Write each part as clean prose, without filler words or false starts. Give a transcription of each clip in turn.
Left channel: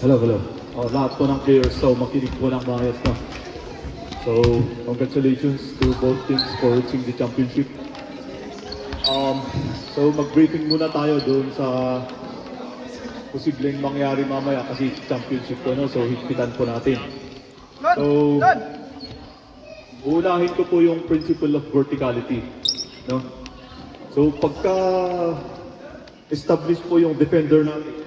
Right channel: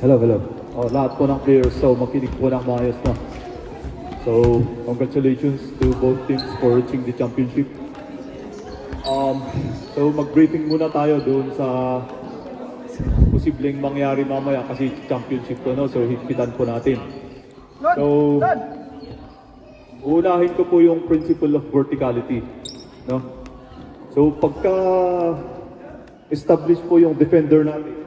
Hello, hello. Lahat po ng players, so makinig po ng maayos na. So, congratulations to both teams for reaching the championship. So mag-briefing muna tayo doon sa posibleng mangyari mamaya kasi championship to, no? So higpitan po natin. So, unahin ko po yung principle of verticality, no? So pagka establish po yung defender natin,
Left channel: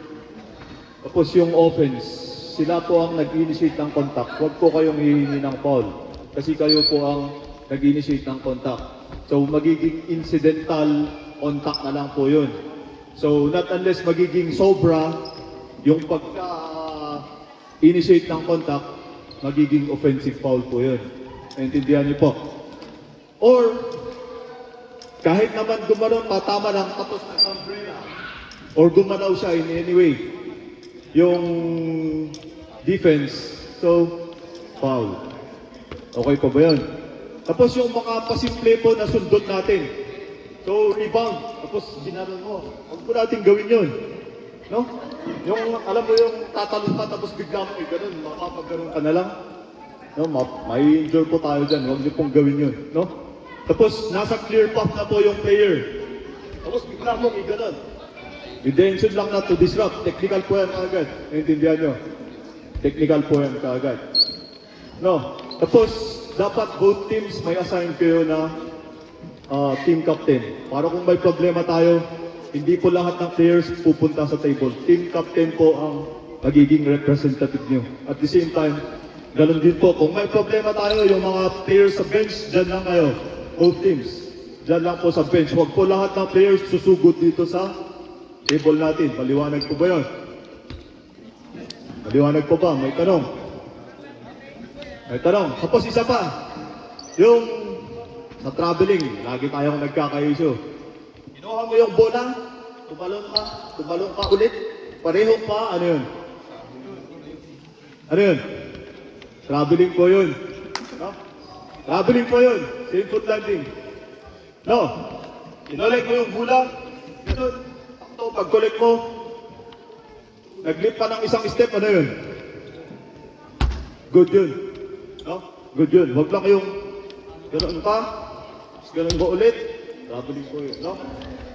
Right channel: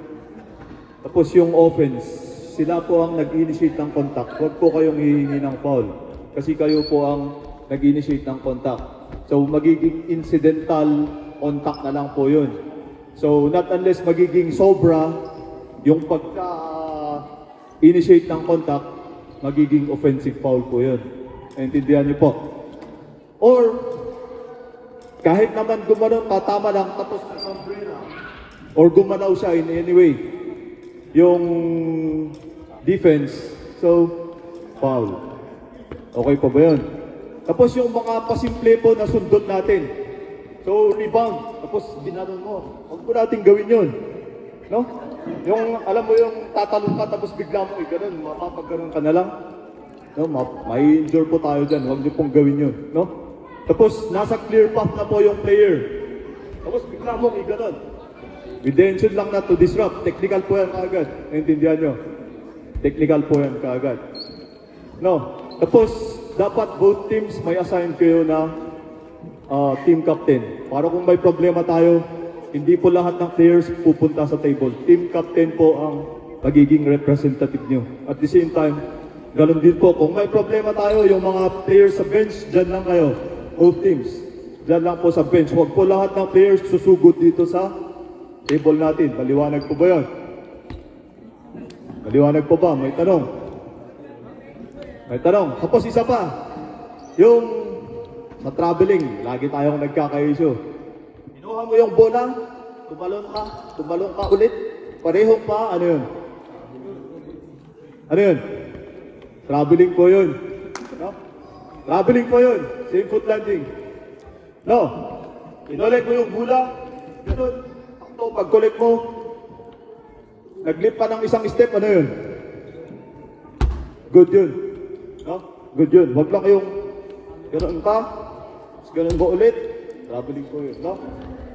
tapos yung offense, sila po ang nag-initiate ng contact. Huwag po kayong hihingi ng foul kasi kayo po ang nag-initiate ng contact. So magiging incidental contact na lang po yun. So not unless magiging sobra yung pagka-initiate ng contact, magiging offensive foul po yun. Naintindihan niyo po? Or kahit naman gumano, tatama lang tapos or gumanaw siya in any way yung defense, so foul. Okay pa ba yun? Tapos yung mga pasimple po na sundot natin, so rebound, tapos ginanon mo, huwag po natin gawin yun, no? Yung alam mo yung tatalong ka tapos bigla mo ganun, mapapagganon ka na lang, no? May injure po tayo dyan, huwag niyo pong gawin yun, no? Tapos nasa clear path na po yung player, tapos bigla mo ganun. Intention lang na to disrupt. Technical po yan kaagad. Naintindihan nyo? Technical po yan kaagad. No. Tapos, dapat both teams may assign kayo na team captain. Para kung may problema tayo, hindi po lahat ng players pupunta sa table. Team captain po ang magiging representative nyo. At the same time, ganun din po. Kung may problema tayo, yung mga players sa bench, dyan lang kayo. Both teams. Dyan lang po sa bench. Huwag po lahat ng players susugod dito sa table natin. Maliwanag po ba yun? Maliwanag po ba? May tanong? May tanong. Tapos isa pa. Yung sa traveling, lagi tayong nagkaka-issue. Kinuha mo yung bola, tumalon ka ulit, pareho pa, ano yun? Ano yun? Traveling po yun. No? Traveling po yun. Same foot landing. No. Inulit mo yung bola, ganun. Pag-collect mo, nag-leap pa ng isang step, ano yun? Good yun. No? Good yun. Huwag lang yung ganoon ka, ganoon mo ulit, traveling po yun. No?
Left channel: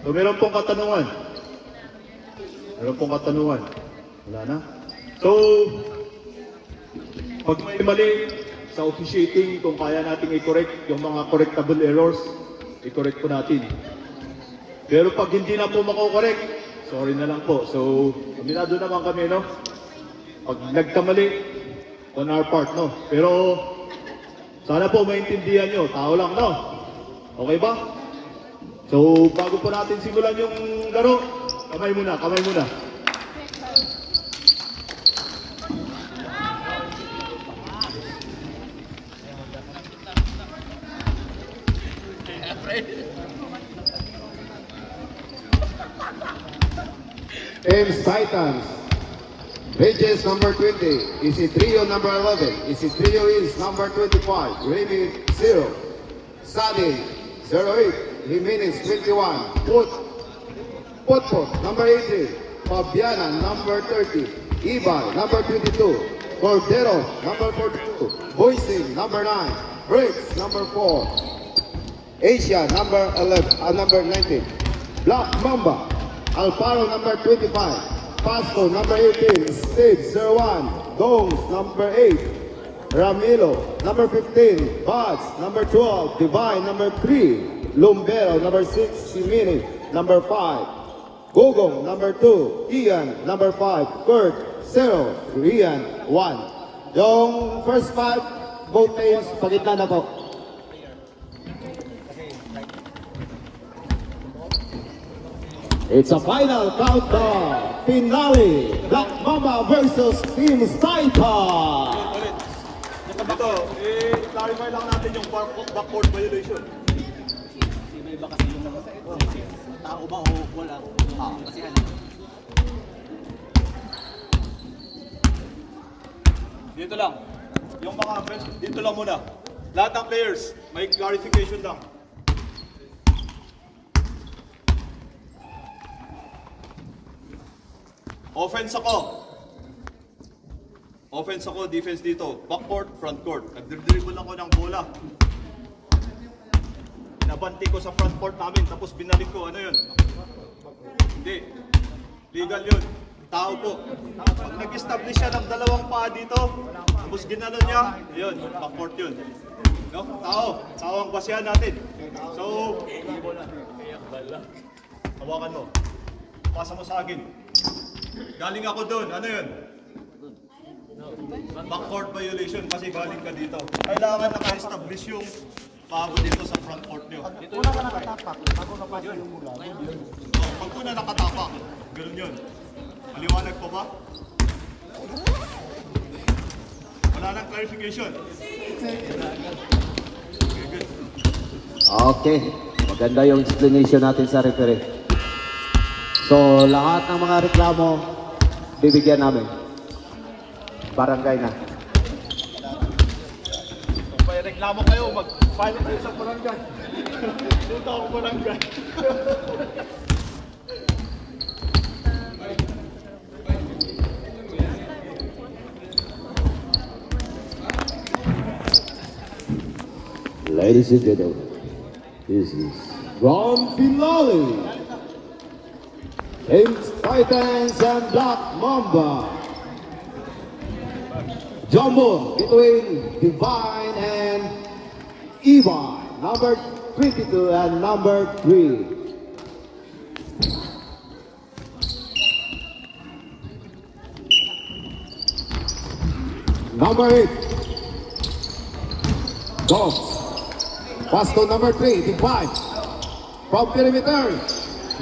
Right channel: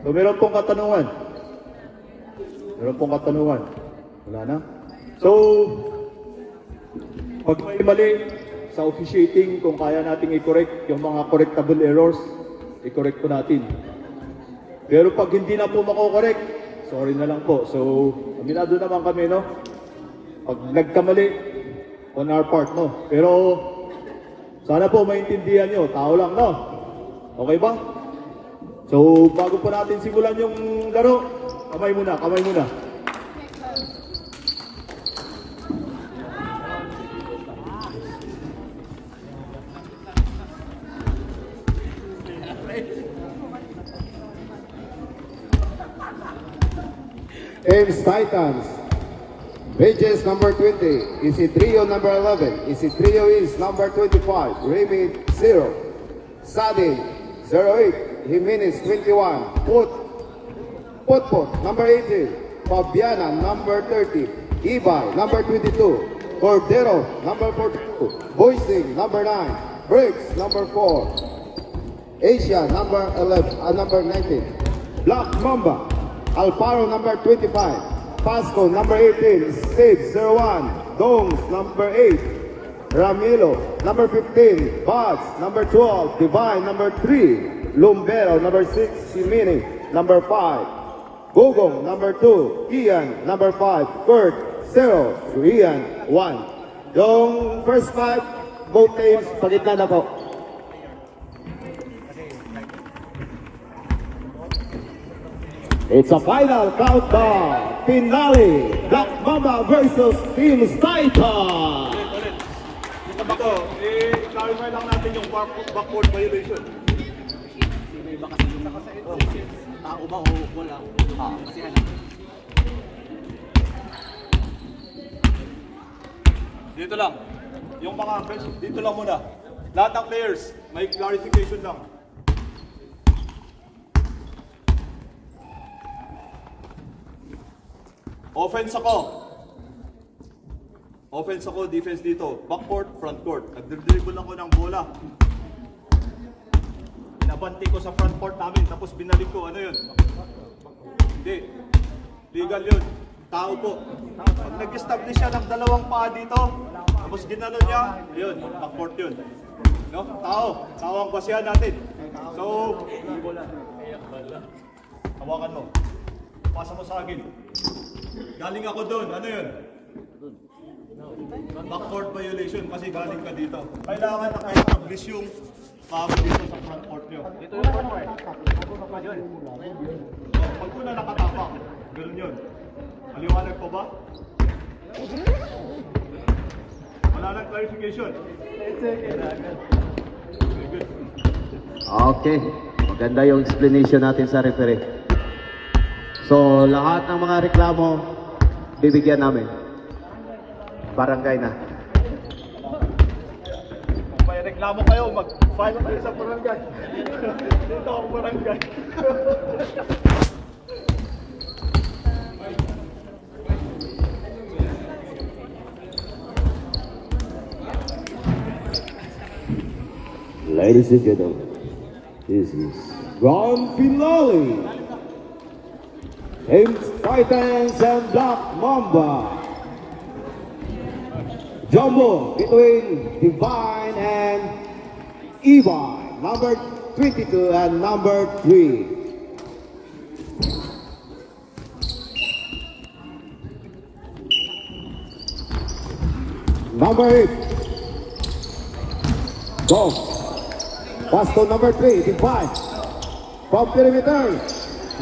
So, meron pong katanungan. Meron pong katanungan. Wala na. So, pag may mali sa officiating, kung kaya nating i-correct yung mga correctable errors, i-correct po natin. Pero pag hindi na po mako-correct, sorry na lang po. So, aminado naman kami, no? Pag nagkamali, on our part, no? Pero, sana po maintindihan nyo. Tao lang, no? Okay ba? So, bago po natin simulan yung laro, kamay muna, kamay muna. Ames Titans, Bridges number 20, Isidrio number 11, Isidrio is number 25, Raymond 0, Sadin 08, Jimenez 21, Potpot number 18, Fabiana number 30, Ibay number 22, Cordero number 42, Boising number 9, Briggs number 4, Asia number 11, number 19, Black Mamba, Alparo number 25, Pasco number 18, Steve 01, Dongs number 8, Ramilo number 15, Buds number 12, Divine number 3, Lumbero number 6, Simini number 5, Gugong number 2, Ian number 5, Kurt 0, Ian 1. Yung first 5, both teams, pagitna na po. It's a final countdown, finale, Black Mamba versus Team Titan. Ulit. Ito, clarify lang natin yung backboard violation. Iba kasi yung tao ba o wala? Kasi ano? Dito lang. Yung mga bench, dito lang muna. Lahat ng players, may clarification lang. Offense ako. Offense ako, defense dito. Backcourt, frontcourt. Nagdribble ako ng bola. Nabanti ko sa frontcourt namin, tapos binalik ko. Ano yun? Hindi. Legal yun. Tao po. Pag nag-establish siya ng dalawang paa dito, tapos ginanon niya, ayun, backcourt yun. No? Tao. Tao ang basihan natin. So, hawakan mo. Pasa mo sa akin. Galing ako doon. Ano yun? Backcourt violation kasi galing ka dito. Kailangan naka-establish yung paa mo dito sa frontcourt nyo. Una ka nakatapak, bago ka pa yung mula. Oh, pag una nakatapak, ganoon yun. Maliwanag pa ba? Wala nang clarification. Okay. Maganda yung explanation natin sa referee. So, lahat ng mga reklamo, bibigyan namin. Barangay na. Kung may reklamo kayo, mag-file kayo sa barangay. Dito ako barangay. Ladies and gentlemen, this is grand finale. Team Titans and Black Mamba. Jumbo between Divine and Ivan, number 22 and number 3. Number 8. Goes. Pass to number 3, Divine. From perimeter.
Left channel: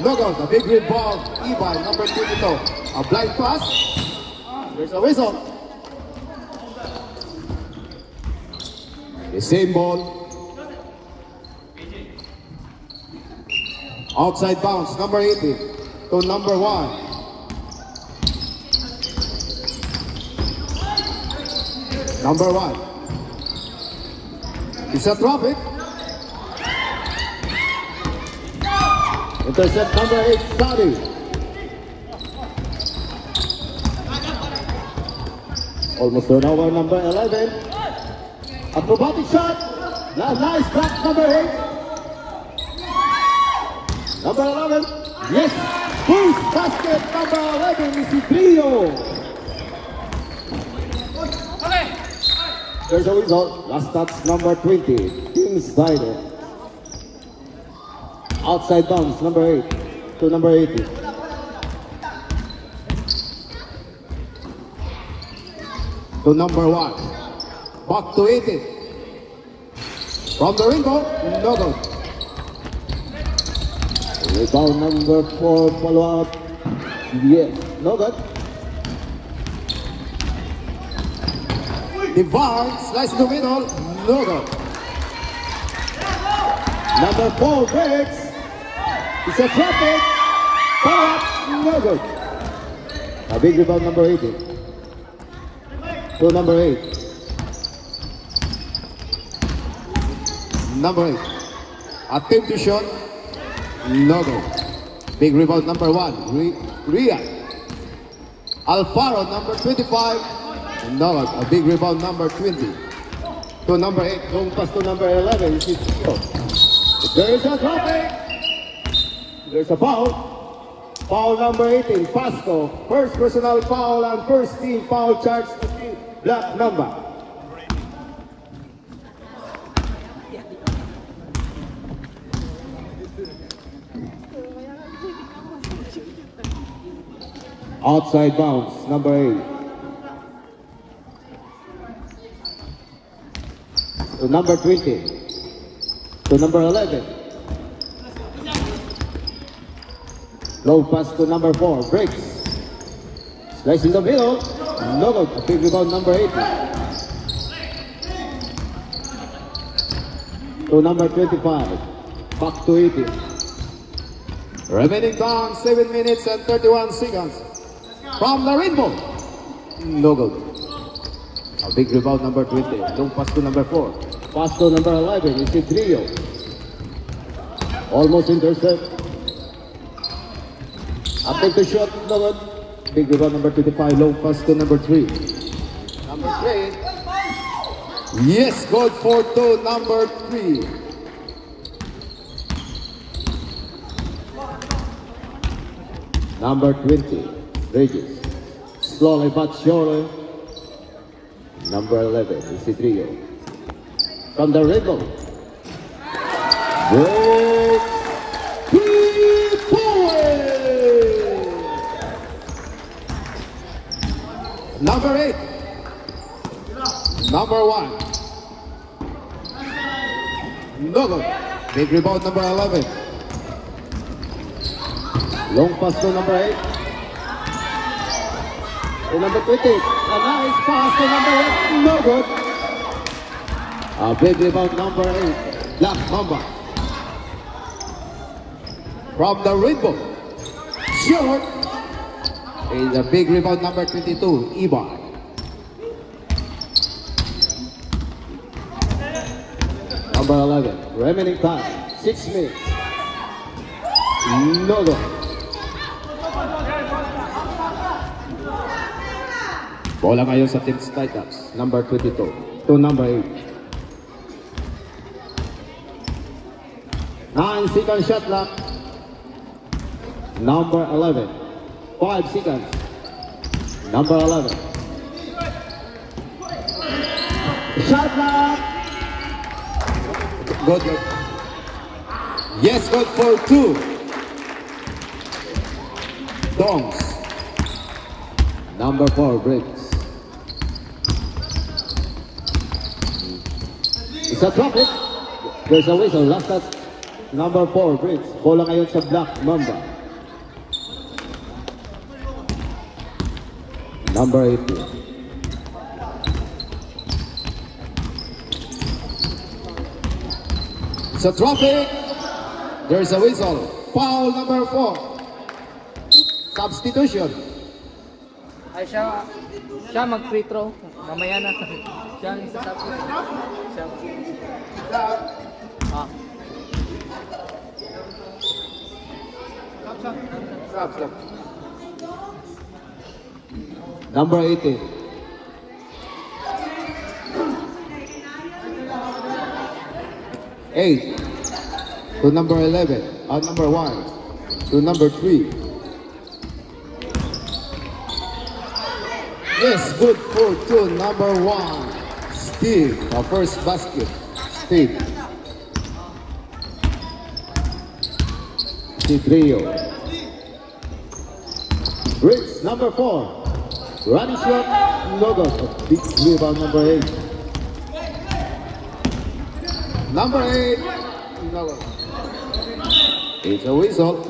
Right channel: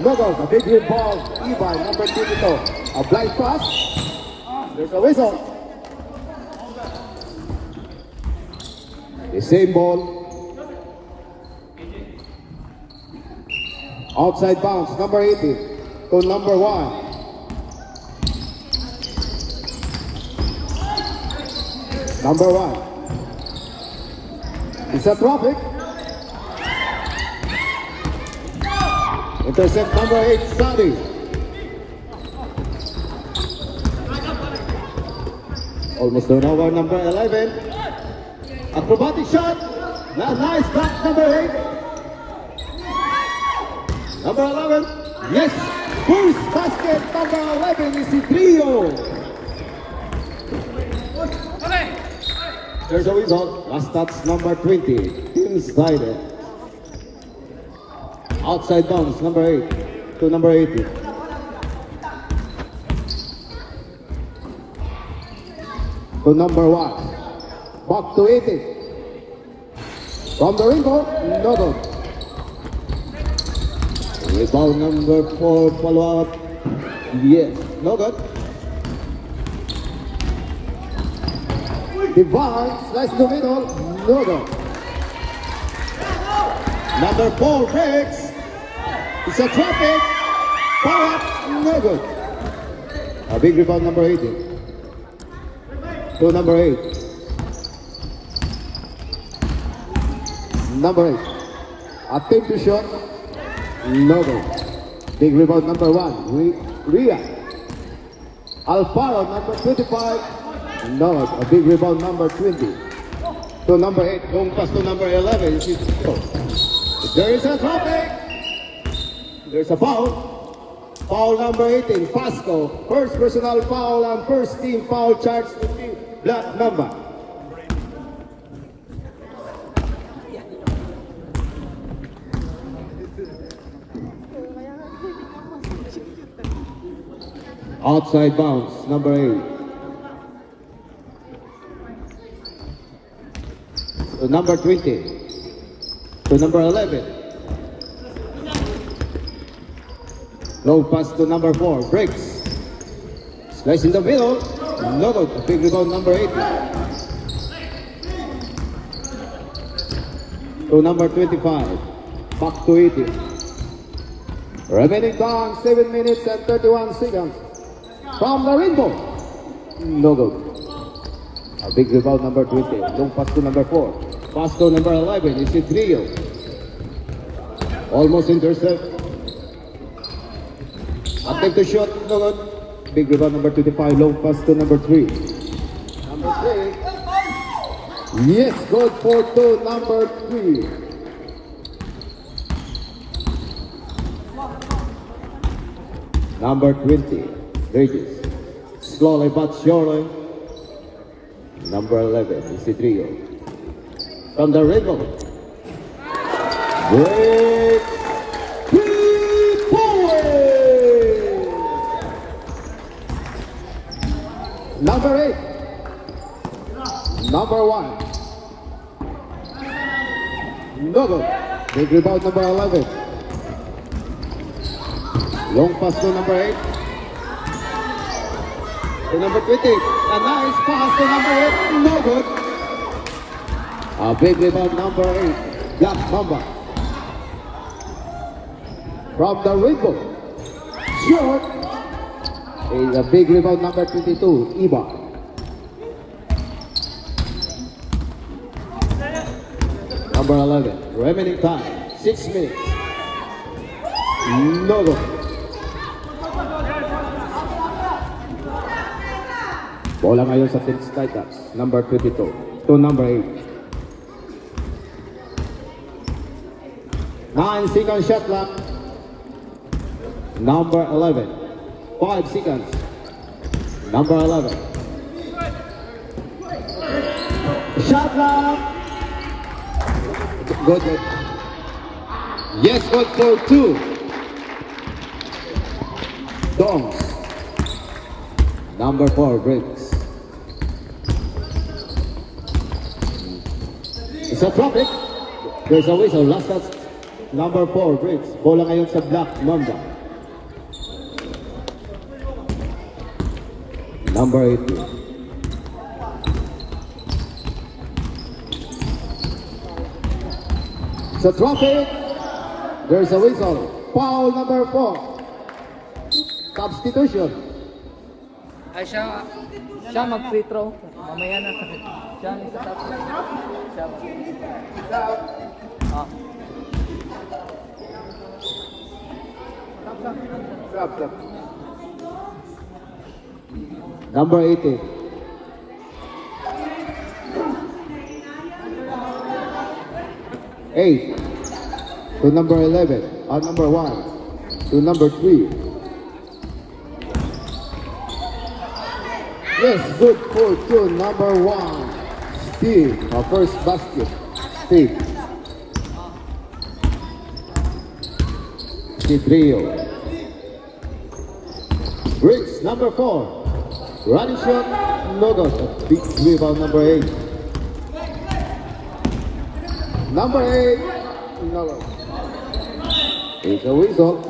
No goal. The big rebound. Ivan, number 22. A blind pass. There's a whistle. The same ball. Outside bounce. Number 18 to number 1. Number 1. It's a drop it. Intercept number 8, Sadi. Almost turnover number 11. Acrobatic shot. Nice block number 8. Number 11. Yes. Boost basket number 11 is Trio. There's a whistle. Last touch number 20. Team Snyder. Outside bounds number 8 to number 18. To number 1. Back to 18. From the window, no good. Rebound number 4, follow out. Yes, no good. Divine, slice in the middle, no good. Number 4, breaks. It's a traffic. But no good. A big rebound number 18. To number 8. Number 8. Attempt to shot. No good. Big rebound number 1. Ria. Alfaro number 25. No good. A big rebound number 20. To number 8. Long pass to number 11. There is a traffic. There's a foul. Foul number 18, Pasco. First personal foul and first team foul charge to team Black Mamba. Outside bounce, number 8. To number 20. To number 11. Low pass to number 4, breaks. Slice in the middle. No good. A big rebound number 80. To number 25. Back to 80. Remaining down 7 minutes and 31 seconds. From the rainbow. No good. A big rebound number 20. Long pass to number 4. Pass to number 11. It's a trio. Almost intercept. Attempt to shot, no good. Big rebound number 25, long pass to number 3. Yes, good for two, number 3. Number 20, Regis. Slowly but surely. Number 11, Isidrio. From the Rebel. Break 3 points. Number 8. Number 1. No good. Big rebound, number 11. Long pass to number 8. To number 20. A nice pass to number 8. No good. A big rebound, number 8. Black Mamba. From the Rainbow. Short. Is a big rebound, number 22. Ibar. Number 11. Remaining time. 6 minutes. No good. Bola ngayon sa Team Titans. Number 22 to number 8. 9-second shot clock. Number 11. 5 seconds. Number 11. Shot clock. Good. Yes, good for 2. Dongs. Number 4 breaks. It's a traffic. There's a whistle. Last touch. Number 4 breaks. Bola ngayon sa Black Mamba. Number 18. It's a traffic. There's a whistle. Foul number 4. Substitution. Ay siya mag-free throw. Mamaya na. Siya sa Number 18. Eight to number 11. Number 1 to number 3. Yes, good for 2. Number 1. Steve. Our first basket. Steve. Trio. Briggs, number 4. Running shot, no good. A big rebound, number 8. Number 8, no good. It's a whistle.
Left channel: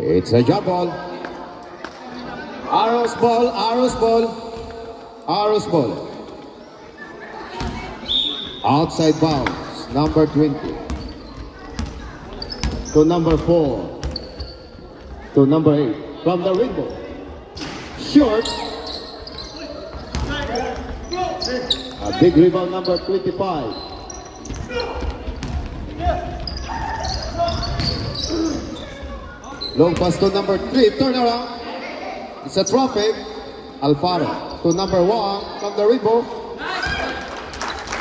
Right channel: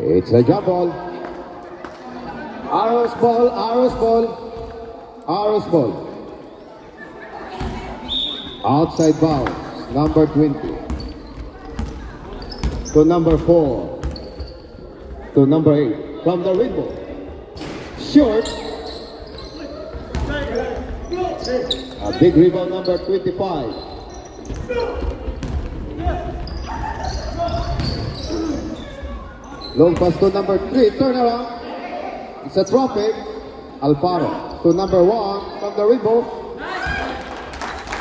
It's a jump ball. Arrows ball, arrows ball, arrows ball. Outside bounds, number 20. To number 4. To number 8. From the Rainbow. Short. A big rebound, number 25. Long pass to number 3. Turn around. It's a traffic. Alfaro to number 1 from the Rainbow.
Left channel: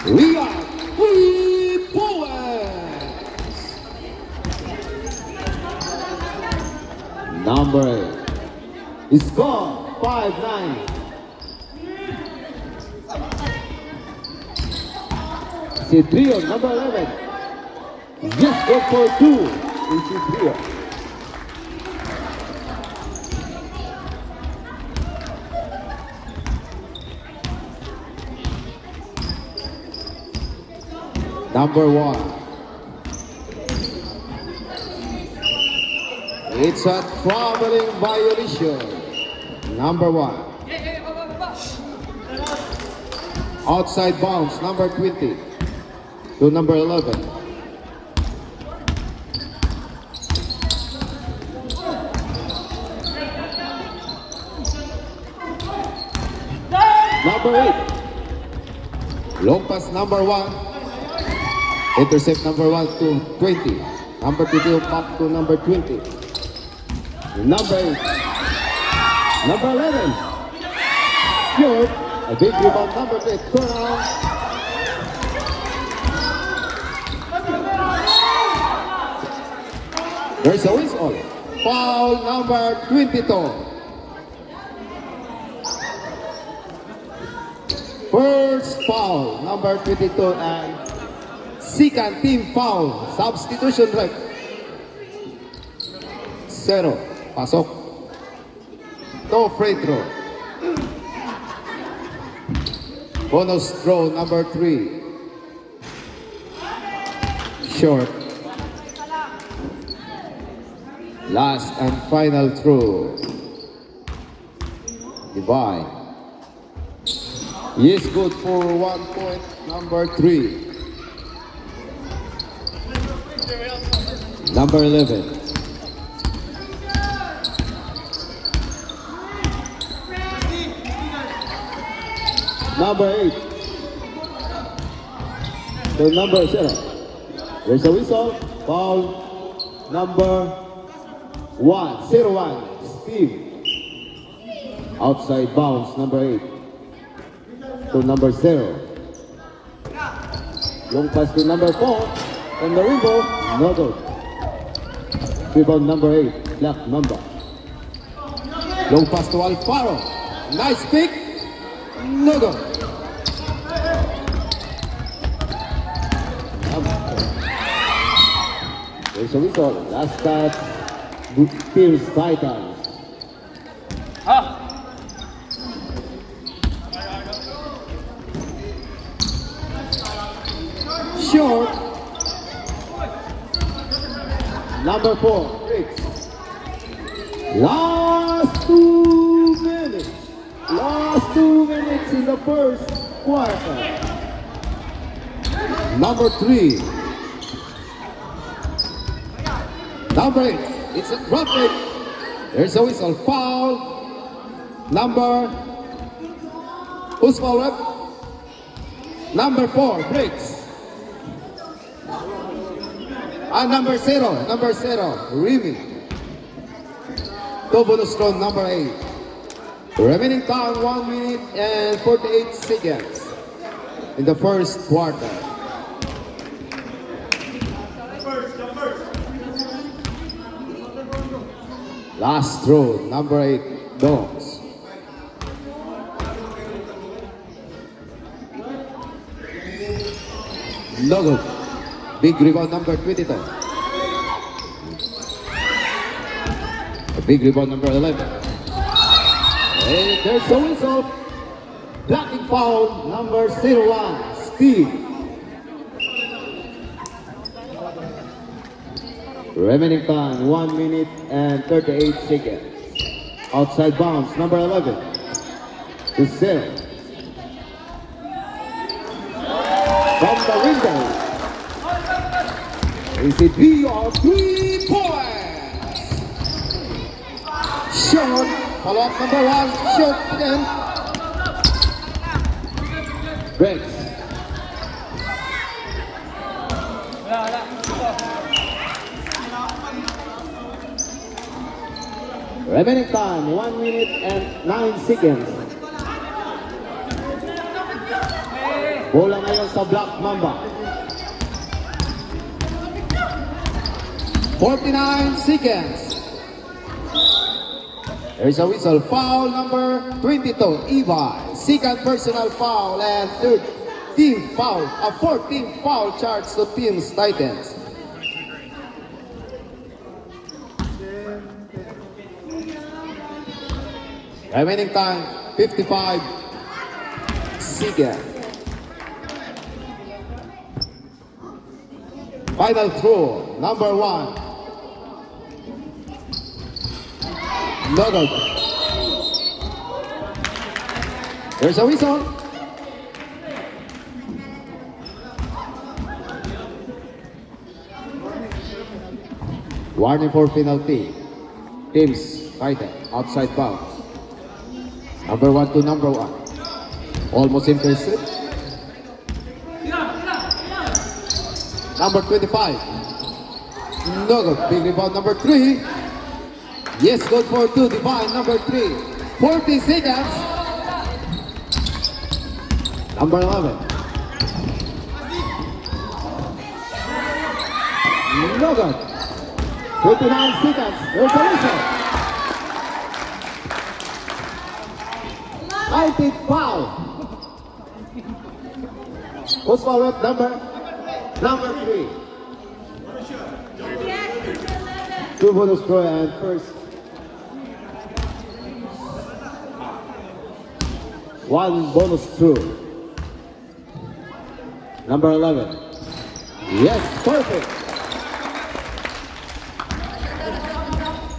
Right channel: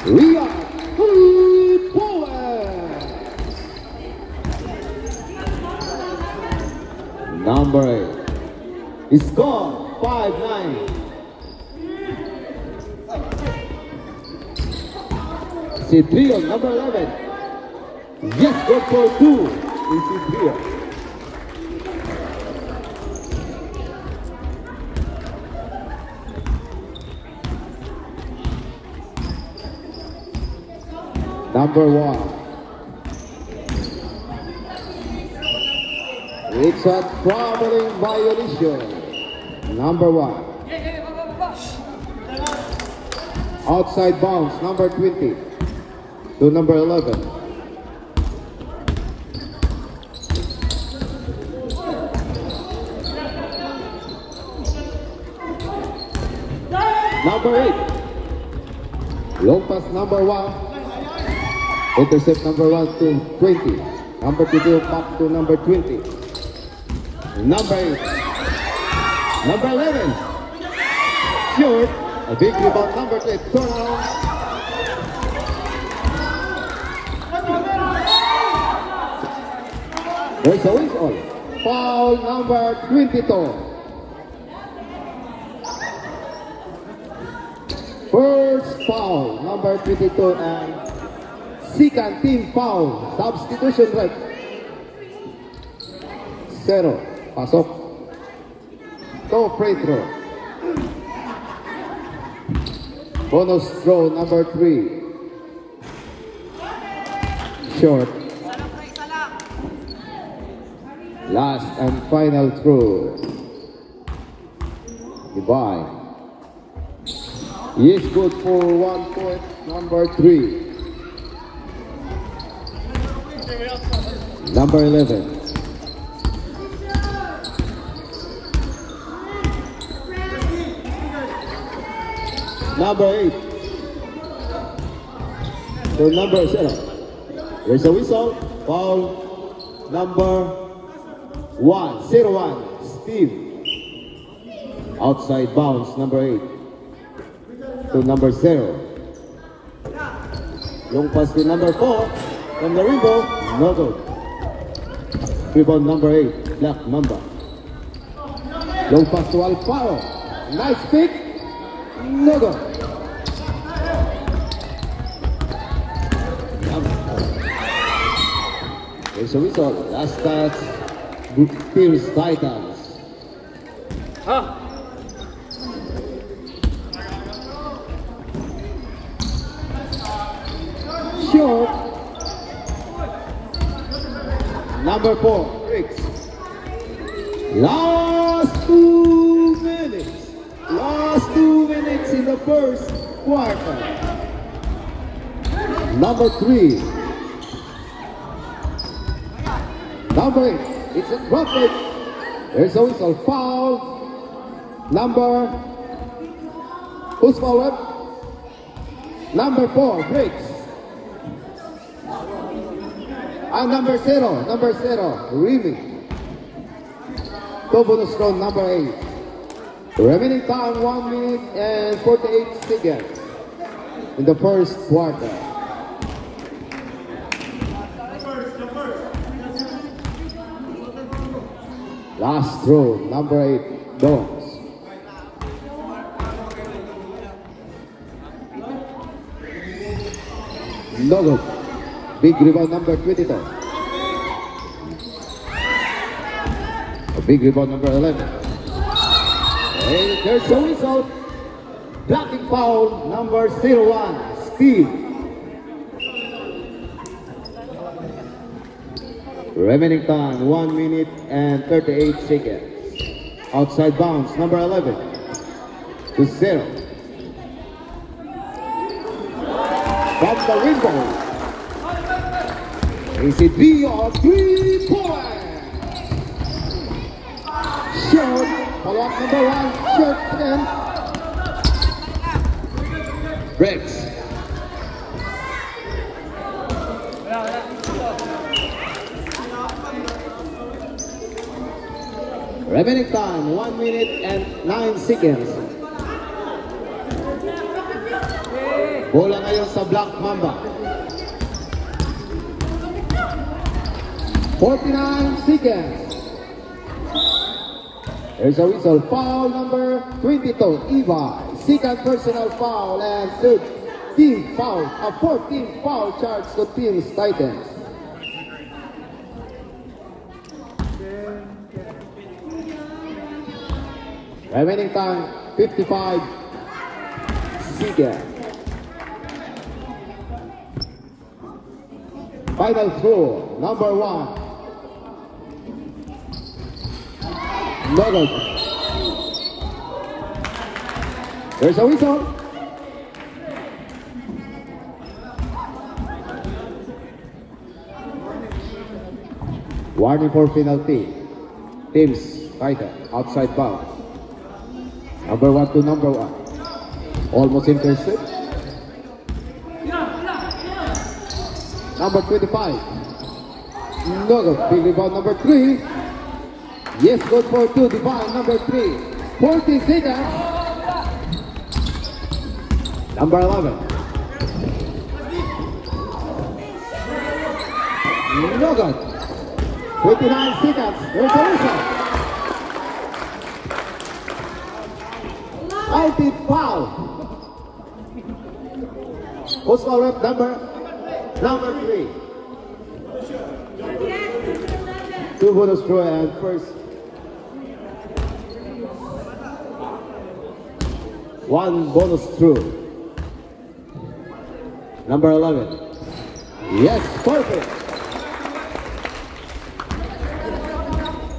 Ria. 3 points. Number 8. Score 5-9. Citrio, number 11. Yes, good for 2. Citrio. Number 1. It's a traveling violation. Number 1. Outside bounds, number 20 to number 11. Number 8. Long pass, number 1. Intercept number 1 to 20. Number 2 back to number 20. Number 8. Number 11. Short. A big rebound, number 3. Turn around. There's a whistle. Foul number 22. First foul, number 22, and second team foul. Substitution rep. 0. Pasok. No free throw. Bonus throw, number 3. Short. Last and final throw. Divine. He is good for 1 point, number 3. Number 11. Number 8. So number 0. There's a whistle. Foul number 1. 0-1. Steve. Outside bounds, number 8. To number 0. Long pass to number 4. On the rebound, no good. Rebound number 8, Black Mamba. Long pass to Alfaro. Nice pick. No good. There's a whistle. Last touch. Pierce Titans. Short. Number 4, Briggs. Last 2 minutes. Last 2 minutes in the first quarter. Number 3. Number 8. It's a drop it. There's a whistle. Foul. Number. Who's foul up? Number 4, Briggs. And number 0, Remy. Two bonus round, number 8. Remaining time 1 minute and 48 seconds in the first quarter. Last throw, number 8, Bones. No good. Big rebound, number 22. A big rebound, number 11. And there's a whistle. Blocking foul, number 01, Steve. Remaining time, 1 minute and 38 seconds. Outside bounds, number 11. To 0. From the window. Is it or 3 points? Short. Follow up number 1. Short and breaks. Remaining time 1 minute and 9 seconds. Bola ngayon sa Black Mamba. 49 seconds. There's a whistle. Foul number 22, Eva. Second personal foul and third team foul. A 14 foul charge to Teams Titans. Remaining time 55 seconds. Final throw, number 1. No good. There's a whistle. Warning for penalty. Teams Titan outside bounds. Number 1 to number 1. Almost intercept. Number 25. No good. Big rebound, number 3. Yes, good for 2. Divine, number 3. 40 seconds. Number 11. No good. 29 seconds. There's a whistle. Fighting foul. Post foul rep number 3. 2 bonus throw and first. 1 bonus throw. Number 11. Yes, perfect.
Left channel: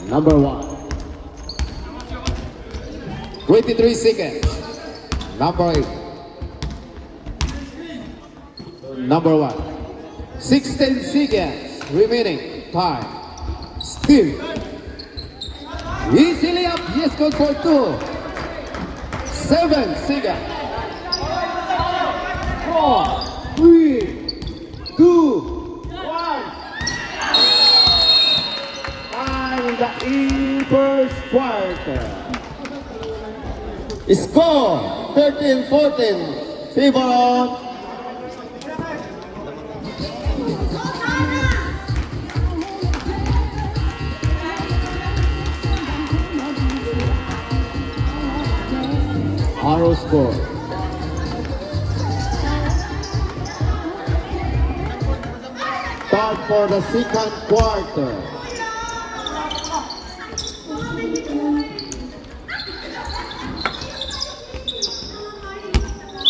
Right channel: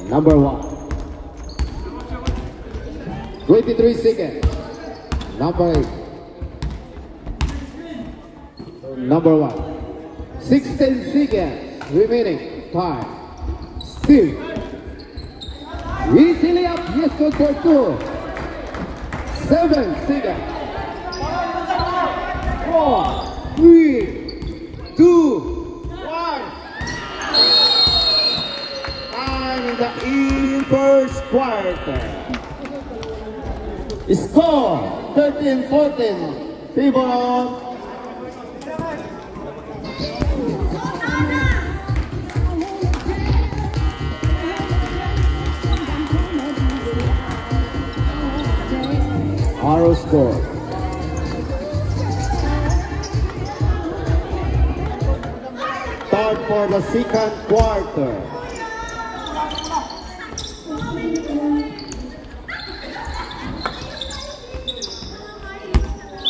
Number 1. 23 seconds. Number 8. Number 1. 16 seconds remaining. Time. Still. Easily up. Yes, good for 2. 7 seconds. 4, 3, 2, 1. And in first quarter. Score 13-14. Favor on Arrow score. Start for the second quarter.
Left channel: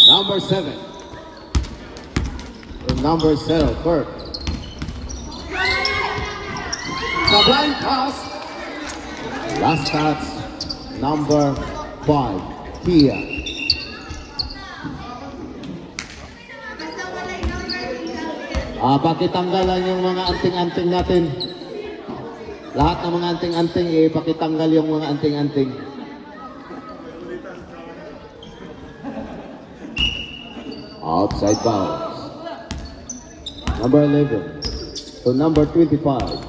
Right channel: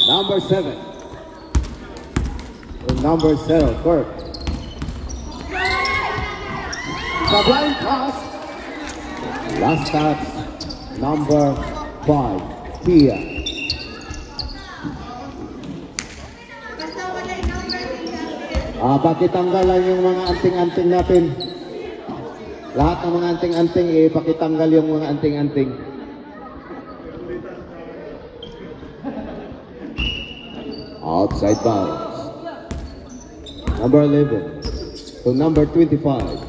Number 7. And number 7, Kirk. The blind pass. Last touch, number 5, Tia. Pakitanggalan yung mga anting-anting natin. Lahat ng mga anting-anting, pakitanggal yung mga anting-anting. Outside bounds. Number 11 to number 25.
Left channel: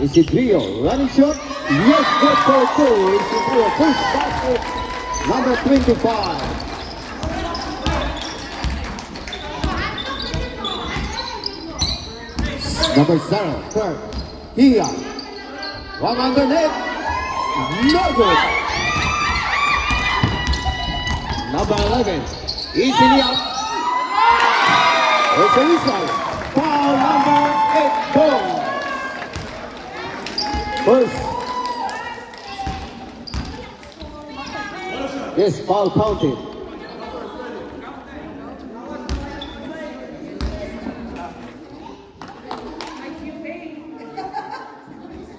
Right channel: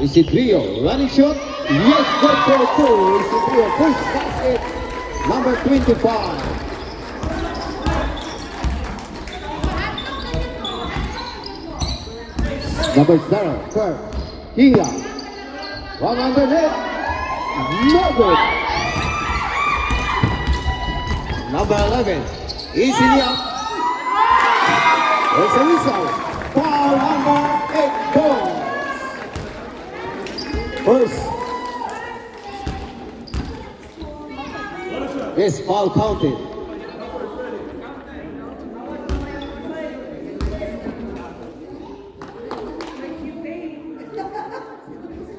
Isidrio, running shot. Yes, good for 2. Isidrio, first basket. Number 25. Number 0, Kirk. Here. One underneath. No good. Number 11. Easily up. There's a whistle. Foul number 8 goal. First. Yes, foul counted.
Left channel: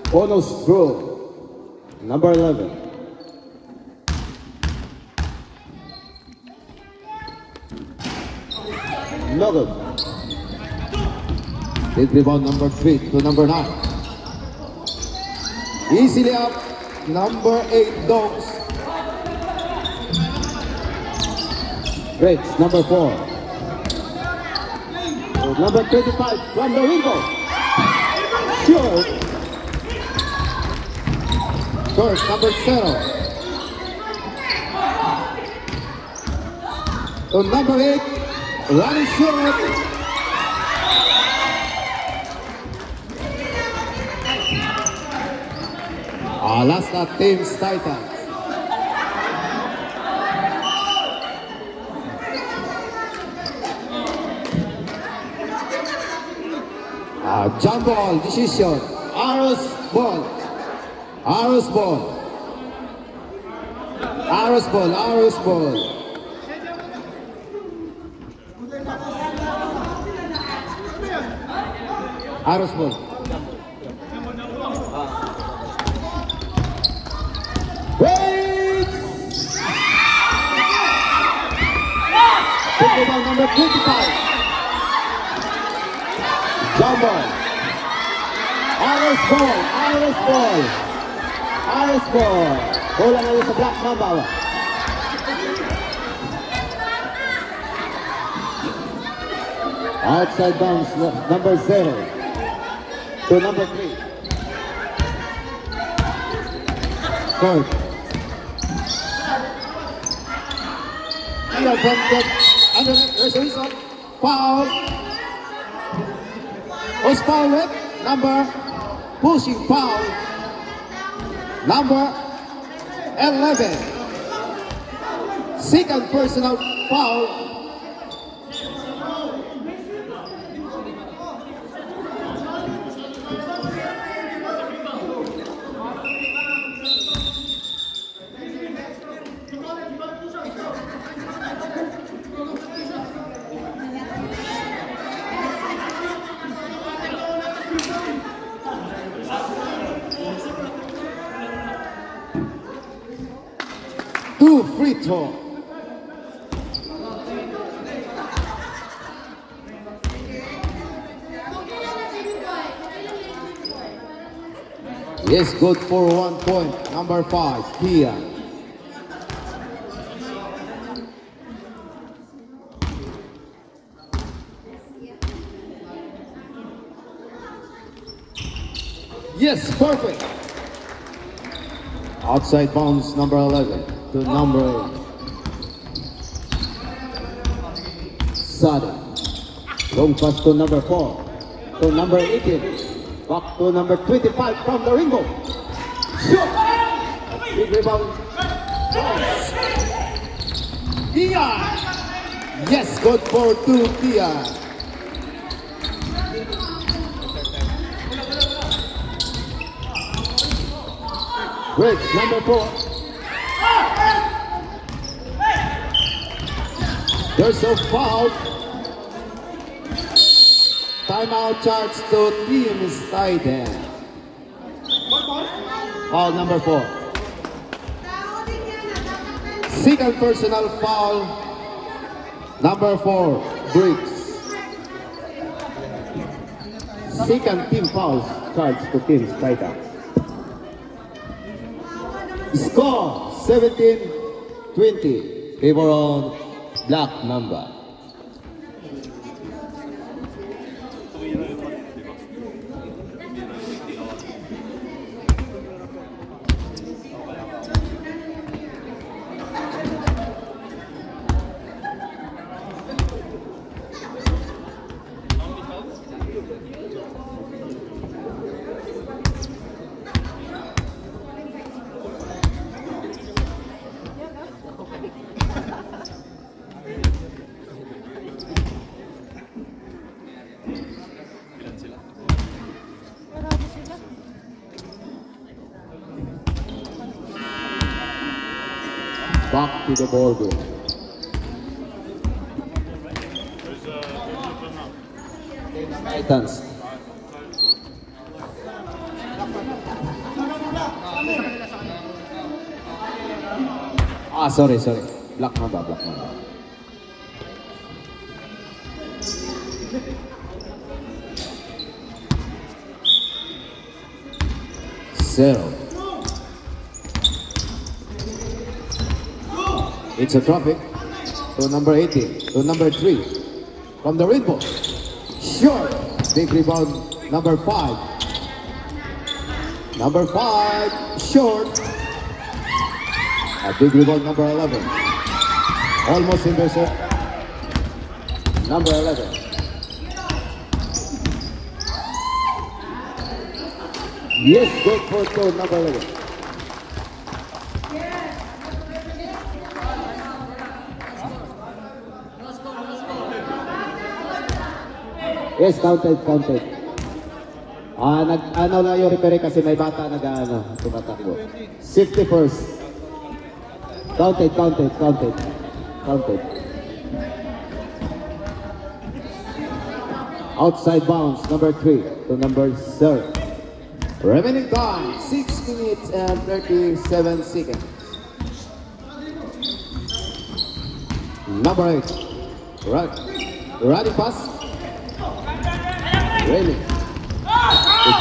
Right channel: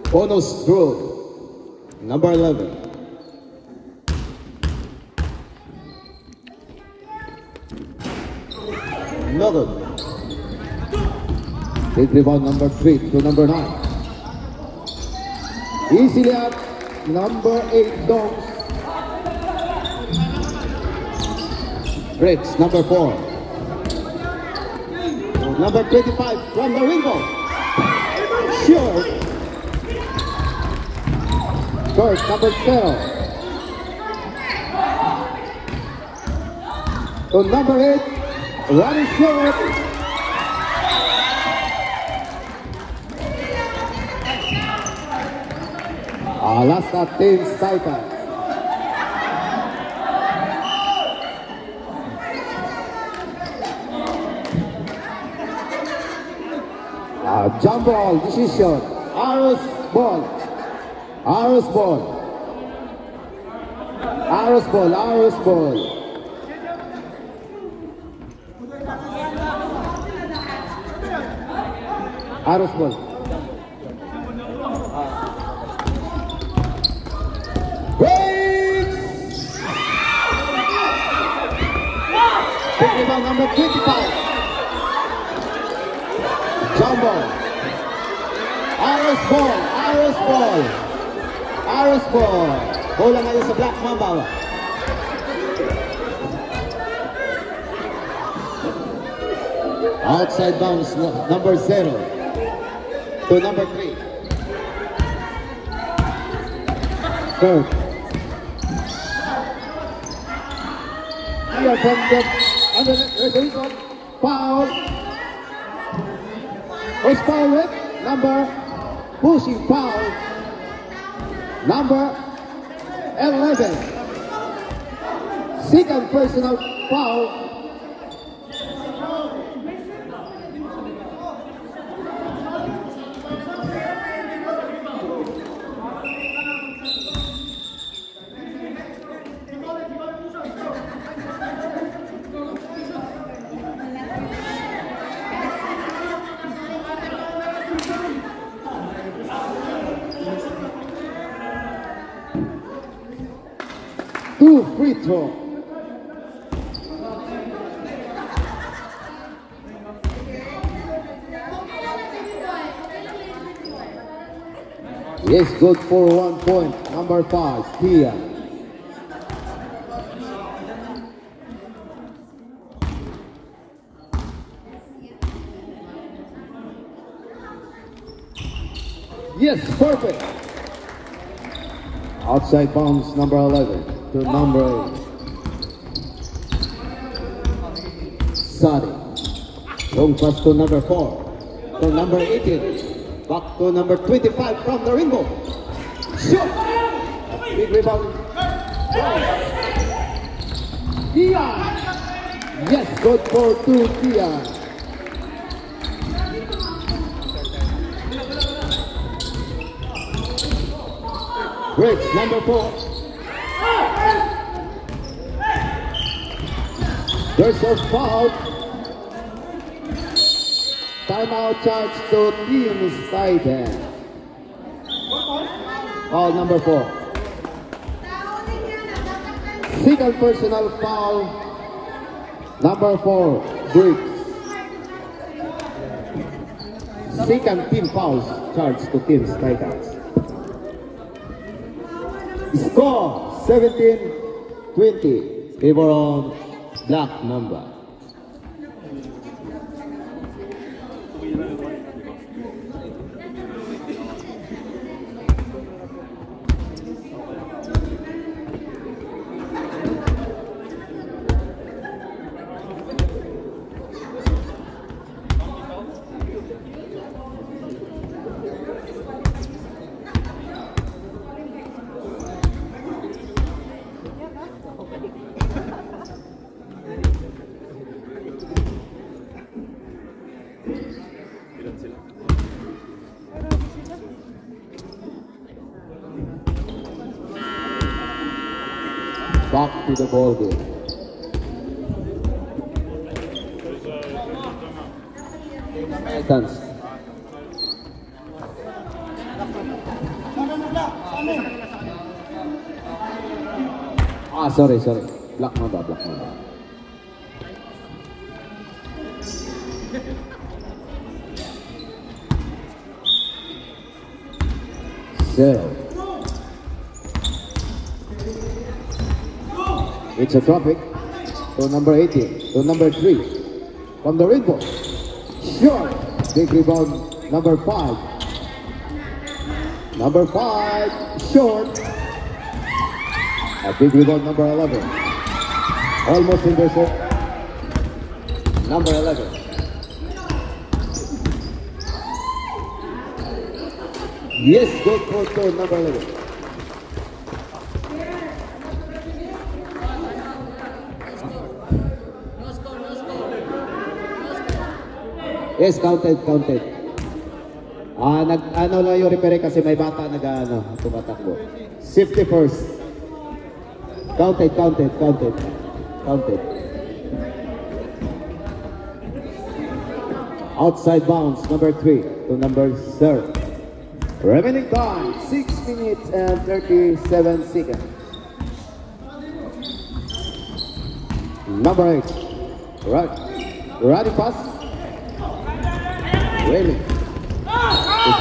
Bonus throw. Number 11. No good. Big rebound number 3 to number 9. Easily up. Number 8 Donks. Breaks number 4. Number 25 from the window. Short. Short number 0. So number 8. Running short. Last at Teams Titans. Jump ball, decision. Arrows ball. Arrows ball. Arrows ball, Arrows ball. Arrows ball. Breaks! Number 25. Jump ball. Arrows ball. Arrows ball. Arrows ball. Bola ngayon sa Black Mamba. Outside bounce, number 0 to number 3. Court. Here from the under reservation. Foul. Who's foul with? Number pushing foul. Number 11. Second personal foul. Two free throw. Yes, good for 1 point. Number 5, Pia. Yes, perfect. Outside bounds, number 11 to number 8. Sadi. Long pass to number 4 to number 18. Back to number 25 from the ringo. Shoot! Big rebound. Pia! Yes, good for 2, Pia. Breaks, number 4. There's a foul. Timeout charge to Team Stuyden. Foul number 4. Second personal foul. Number 4, Briggs. Second team foul charge to Team Stuyden. Score 17-20. Favor on black number. Back to the ball game. Titans. Sorry. Black number. 0. It's a traffic to number 18, to number 3 from the rainbow. Short. Big rebound, number 5. Number 5, short. A big rebound, number 11. Almost intercept. Number 11. Yes, good for number 11. Yes, counted. Ano lang yung referee kasi may bata tumatakbo. Safety first. Counted. Outside bounds, number 3 to number 0. Remaining time, 6 minutes and 37 seconds. Number 8. Right. Running pass. Really?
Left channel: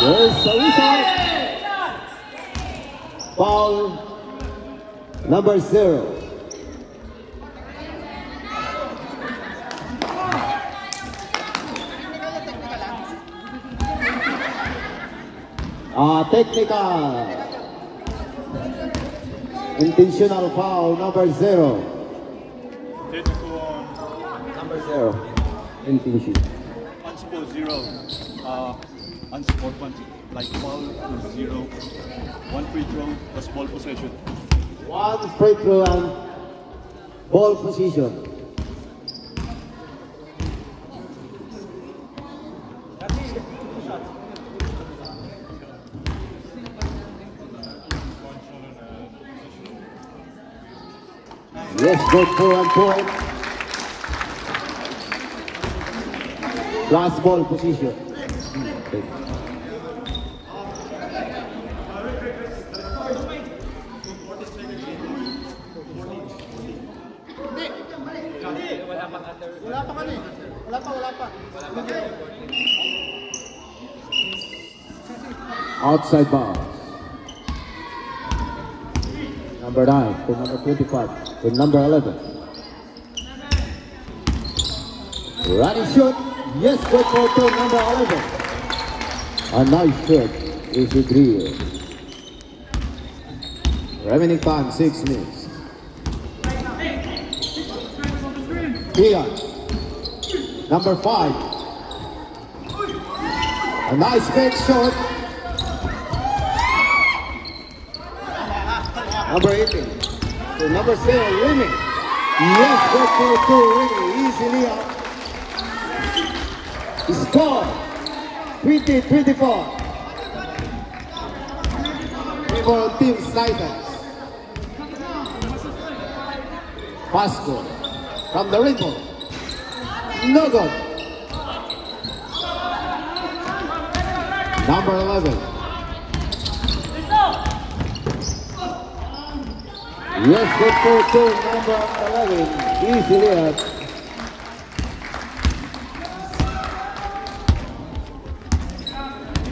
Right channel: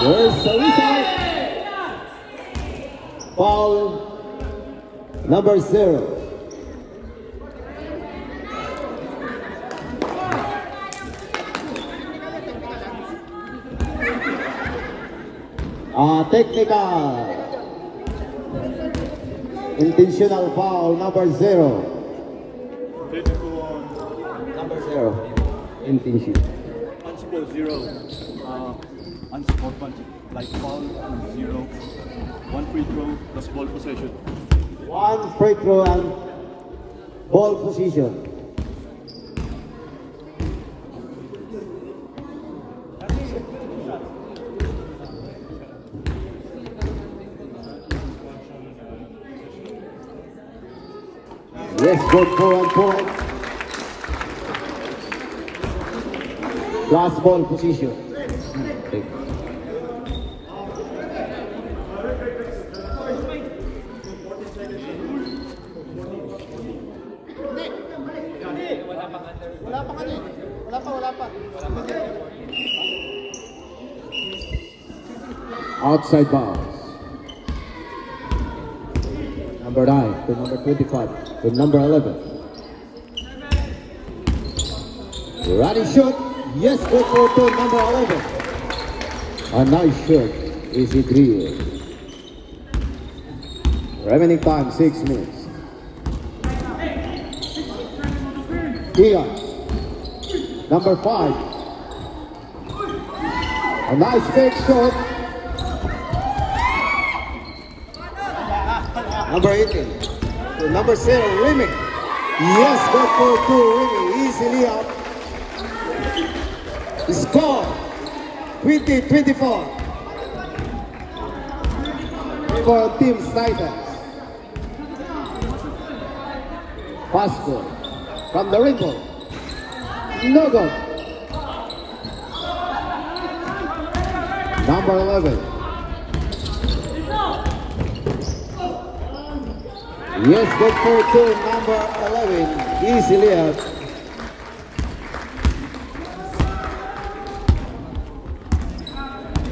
There's a whistle. Foul number 0. Technical. Intentional foul number 0. intention. Unsupposed 0. Unsupposed punching. Like foul, number 0. 1 free throw plus ball possession. 1 free throw and ball position. Yes, good for 1 point. Last ball position. Outside bounds. Number 9 to number 25 to number 11. Running shot. Yes, go for 2, number 11. A nice shot. Easy drill. Remaining time 6 minutes. Ian. Number 5. A nice big shot. Number 18. To number 7, Remy. Yes, go for 2, Remy. Easily up. Score 20-24 for Team Titans. Pasco from the ripple. No good. Number 11. Yes, good for 2, number 11. Easily out.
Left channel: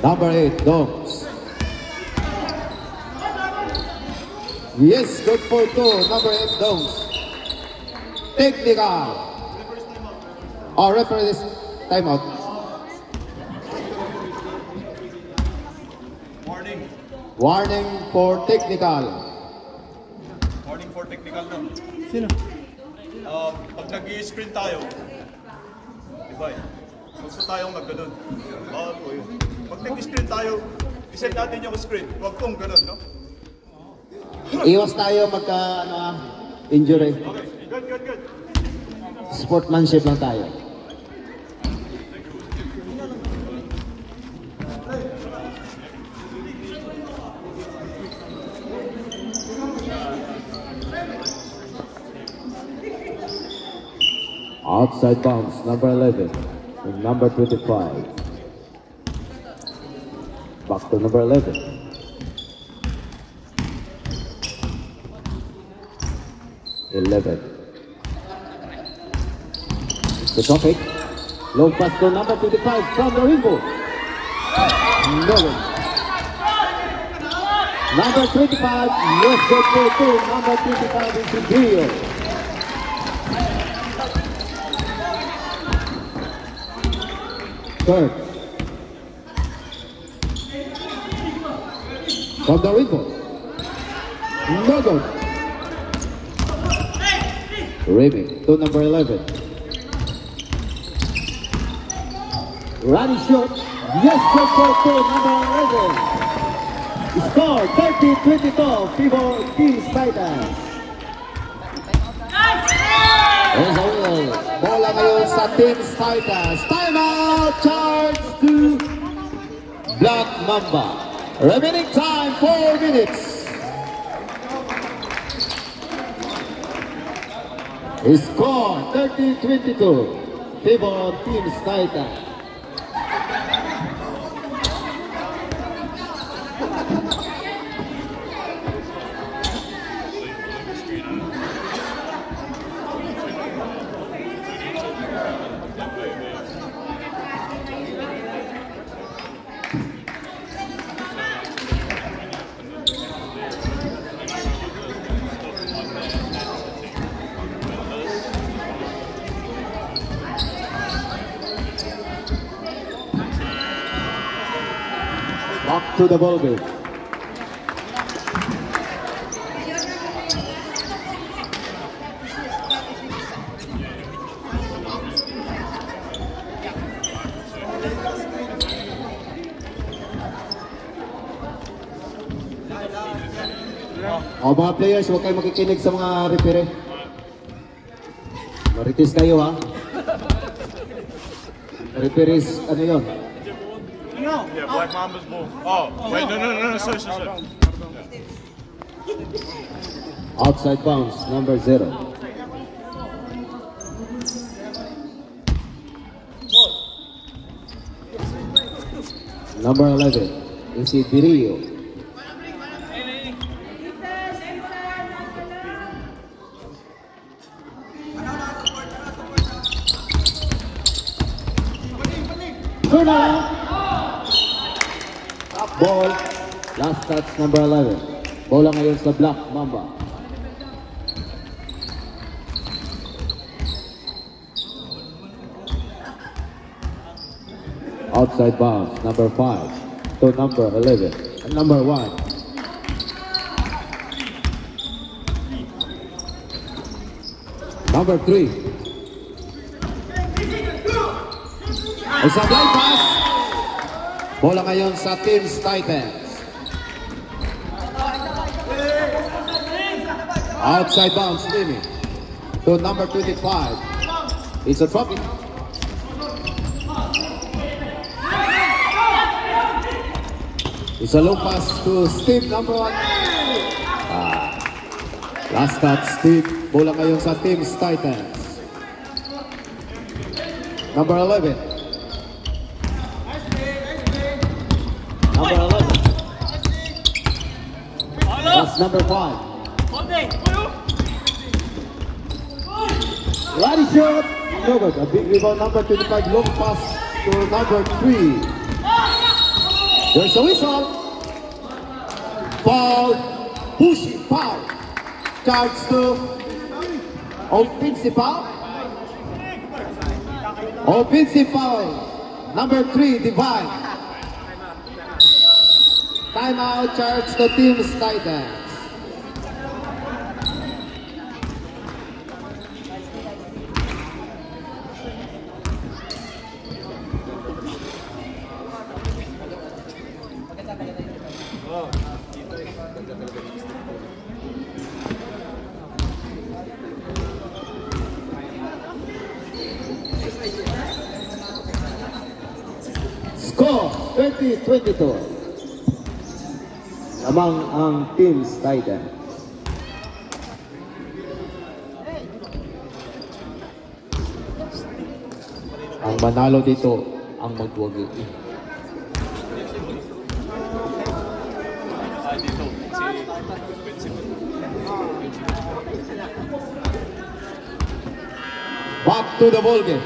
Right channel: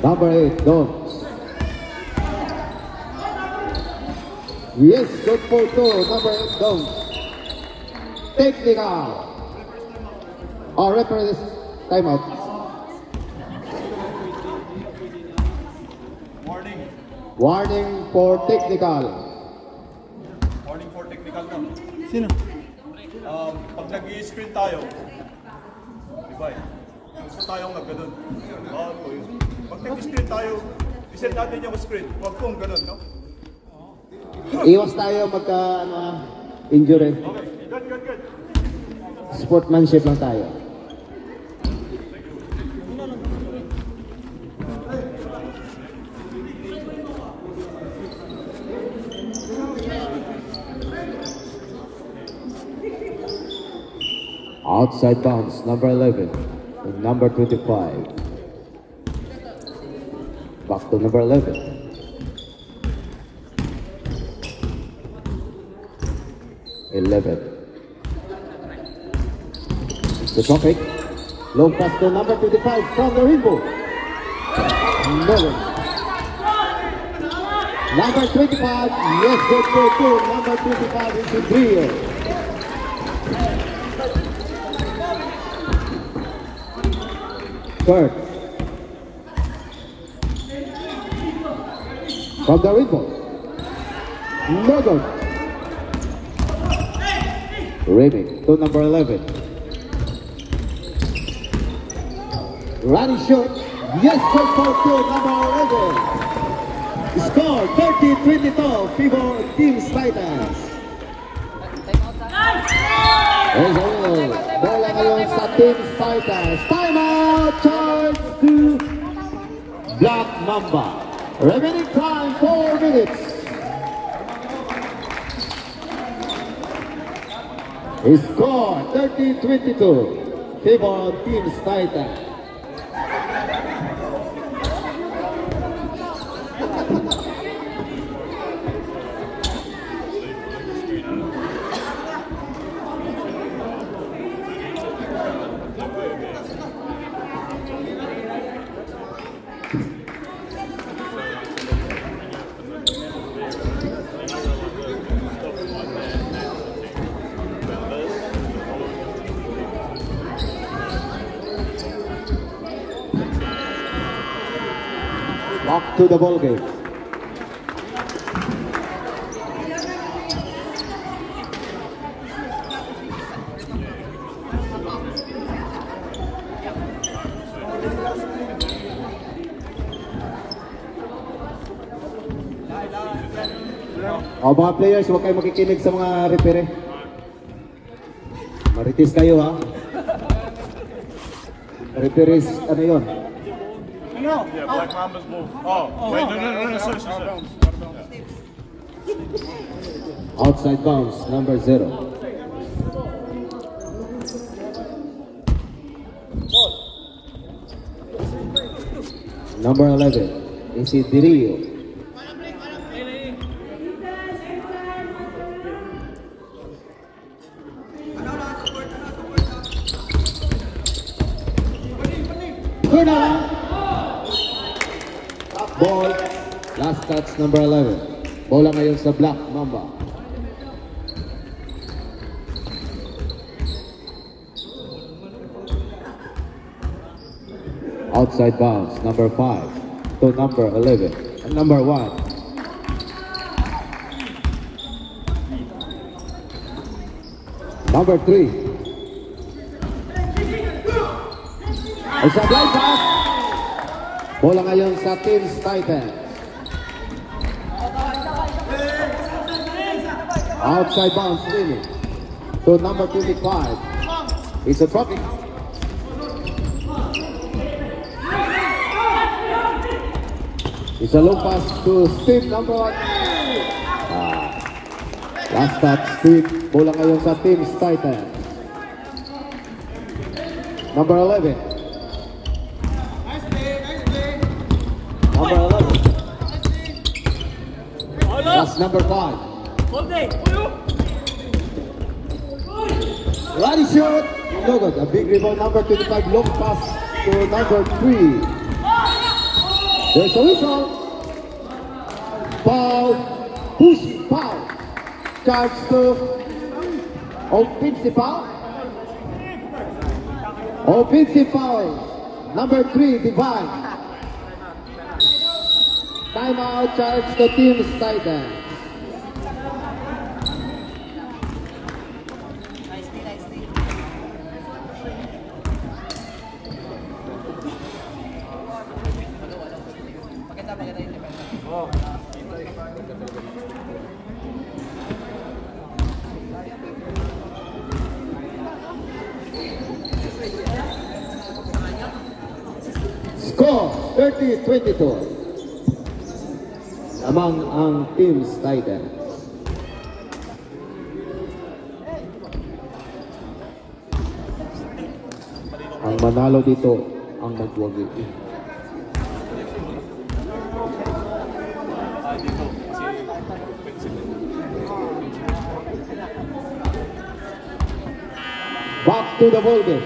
Number 8, Dogs. Yes, good for 2, number 8, Dogs. Technical. Referee's timeout. Warning. Warning for technical. Warning for technical na. Sino? Pag nag-i-screen tayo, diba gusto tayong nagganon. Bawal po yun. Pag nag-screen tayo, iset natin yung screen. Huwag kong ganon, no? Iwas tayo injury. Okay, good. Sportsmanship lang tayo. Outside bounds, number 11 and number 25. Back to number 11. The topic. Long pass to number 25 from the rainbow. No one. Number 25, yes, good for 2. Number 25 is in Rio. Third. From the rainbow. No good. Raymond to number 11. Running shot. Yes, good for 2, number 11. Score 30-22, favor Team Titans. Bola ngayon sa Team Titans. Timeout, charge to Black Mamba. Remaining time 4 minutes. Score 30-22, favor Team Titans. Back to the ball game. O mga players, huwag kayo makikinig sa mga referee. Maritis kayo ha. Referees, ano yun? Yeah, Black Mama's ball. Oh, wait, no, sorry. Outside bounds, number 0. Number 11 is Dirio. Ball, last touch number 11. Bola ngayon sa Black Mamba. Outside bounds, number 5 to number 11, and number 1. Number 3. It's a blind pass. Bola ngayon sa Teams Titans. Outside bounds, Lily. To number 25. It's a trophy. It's a low pass to Steve, number 1. Last touch, Steve. Bola ngayon sa Teams Titans. Number 11. Number 11. That's number 5. Ronnie shot. No good. A big rebound. Number 25. Long pass to number 3. There's a whistle. Foul. Pushing foul. Charge to offensive foul. Offensive foul. Number 3. Divine. Timeout. Charge to Teams Titans. Score 30-22 among ang Teams Titans. Ang manalo dito ang magwagi. Dito, kasi Back to the ball game.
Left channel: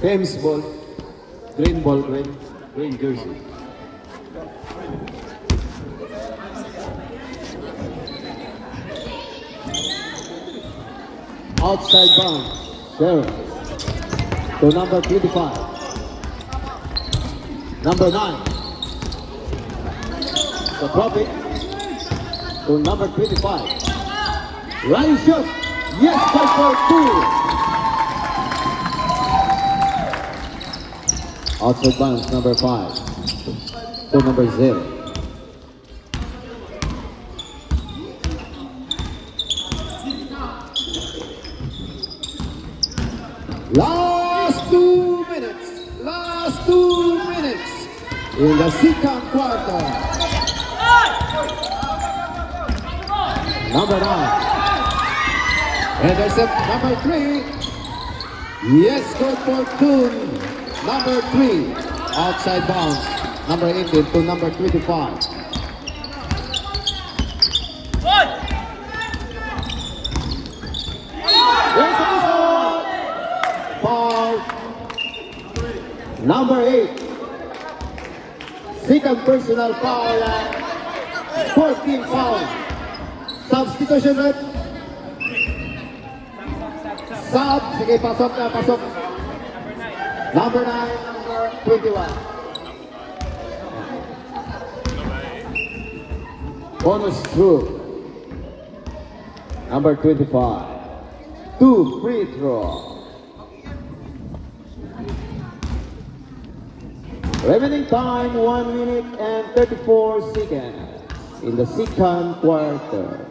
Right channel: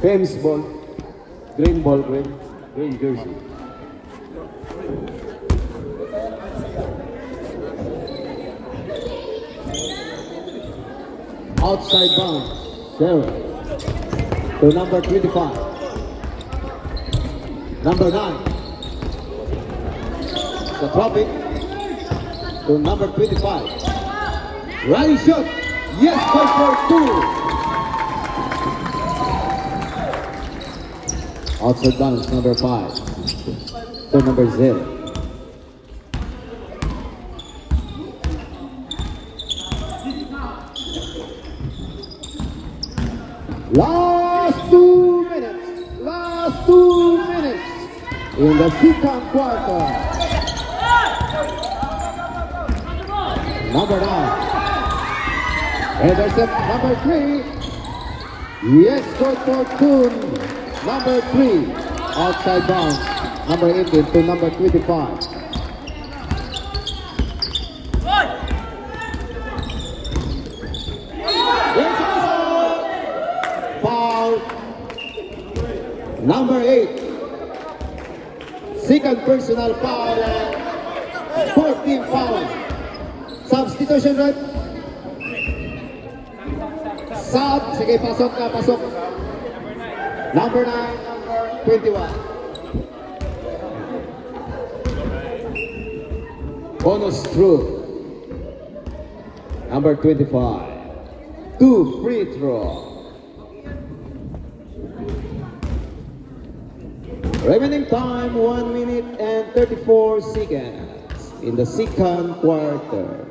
James ball, green jersey. Outside bounds, Sarah to number 25. Number 9. The traffic to number 25. Riley shot. Yes, goal for 2. Outside bounds, number 5 to number 0. Last 2 minutes in the second quarter. Number 9. And I said number 3. Yes, good for 2. Number 3, outside bounds, number 18 to number 25. Foul. Number 8, second personal foul, 14 foul. Substitution rep. Sub, sige, pasok na, pasok. Number 9, number 21. Bonus through. Number 25. 2 free throw. Remaining time 1 minute and 34 seconds in the second quarter.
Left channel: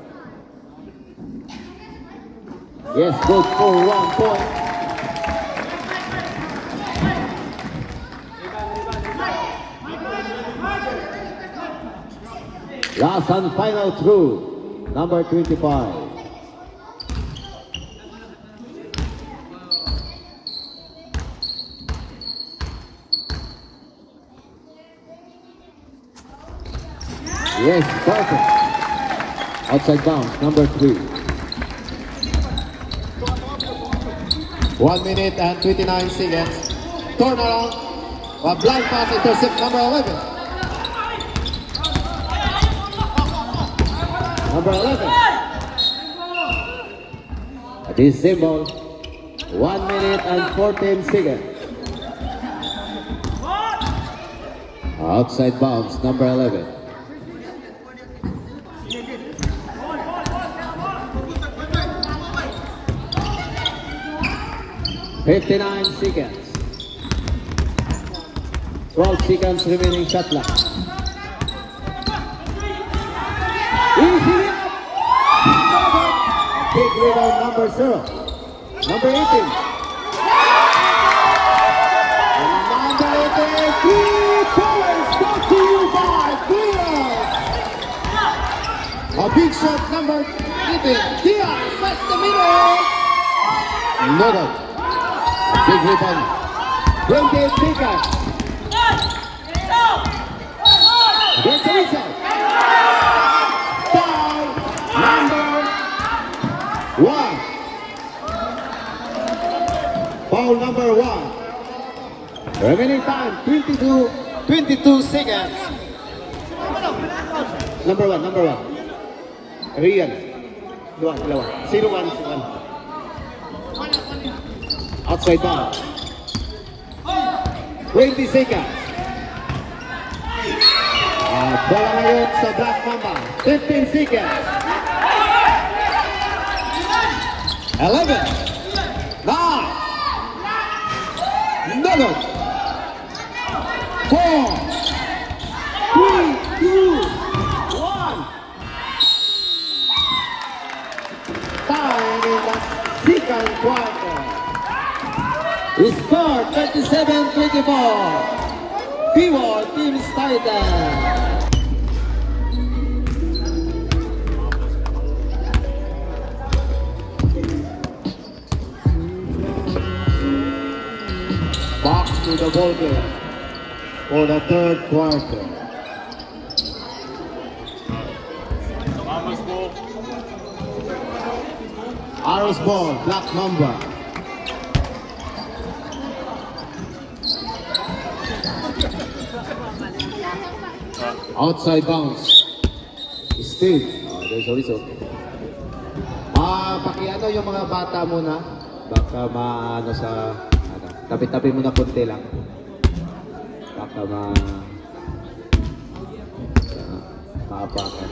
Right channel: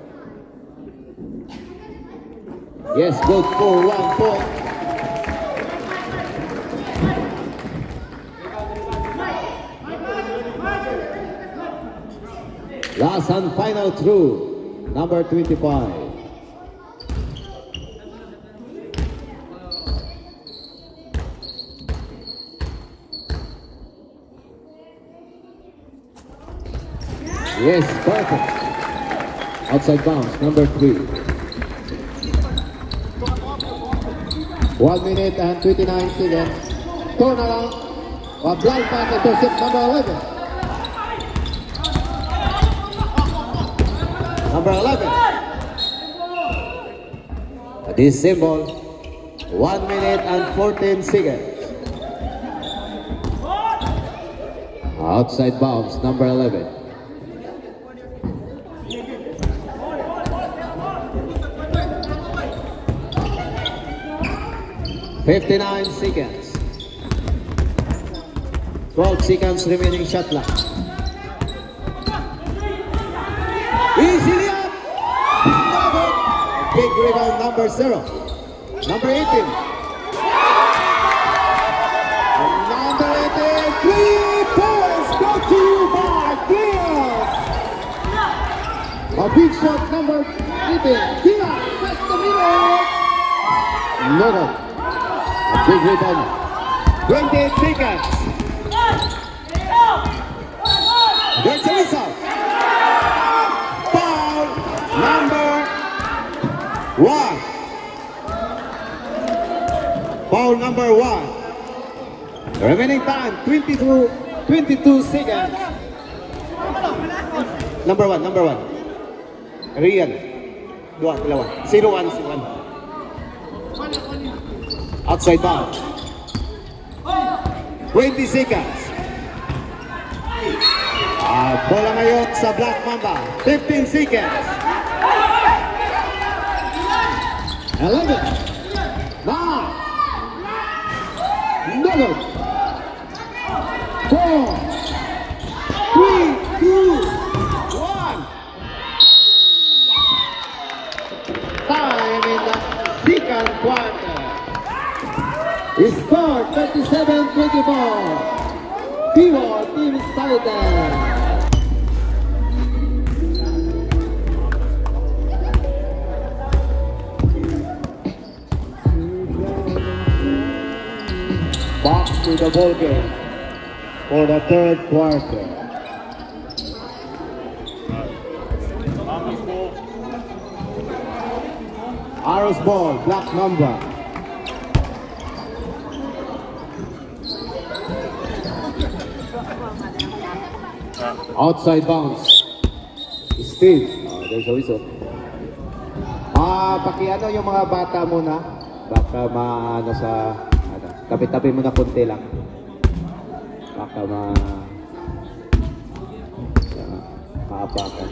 Yes, good for 1 point. Last and final through, number 25. Yes, perfect. Outside bounds, number 3. 1 minute and 29 seconds. Turn around. A blind pass intercept, number 11. Number 11. This symbol, 1 minute and 14 seconds. Outside bounds, number 11. $59 seconds. 12 seconds remaining shot clock. Easily up. Big rebound, number 0. Number 18. Number 18. 3 points brought to you by Diaz. A big shot, number 18. Diaz, that's the middle. Another. Big rebound. 28 seconds. Gets a whistle. Foul number 1. Foul number 1. Remaining time 22 seconds. Number 1. Real. Dalawa. 0-1. Outside bound. 20 seconds. Bola ngayon sa Black Mamba. 15 seconds. 11. 9. None. 4. 3, 2, 1. Time in the second quarter. Score 37-24. Vivo Team Titan. Back to the ball game for the third quarter. Arrows ball, Black Mamba. Outside bounce. Steve. There's a whistle. Pakiano yung mga bata muna. Baka maano sa tabi-tabi muna konti lang. Baka maapakan.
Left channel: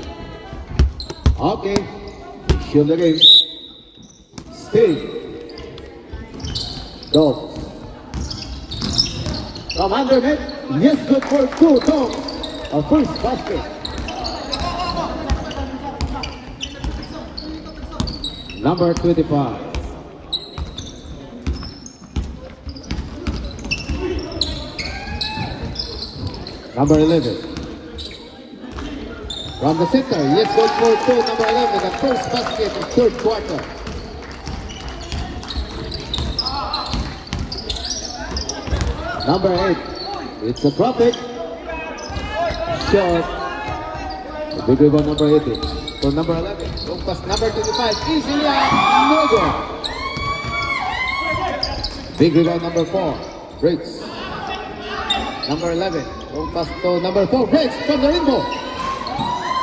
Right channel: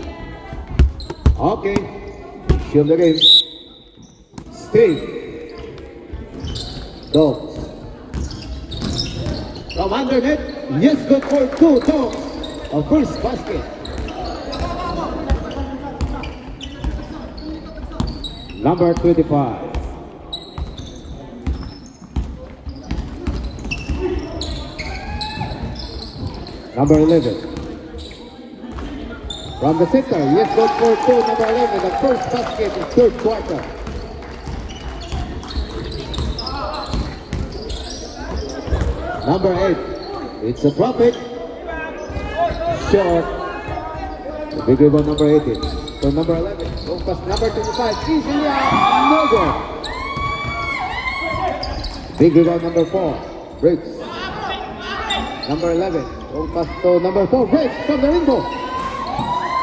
Okay. Shield the game. Steve. Go. From underneath. Yes, good for 2 dogs. A first basket. Number 25. Number 11. From the center, yes, good for 2, number 11, the first basket in third quarter. Number 8. It's a profit. Shot. The big rebound, number 18. So number 11. Long pass, number 25. Easily no good. Big rebound, number 4. Breaks. Number 11. Long pass to number 4. Breaks from the window.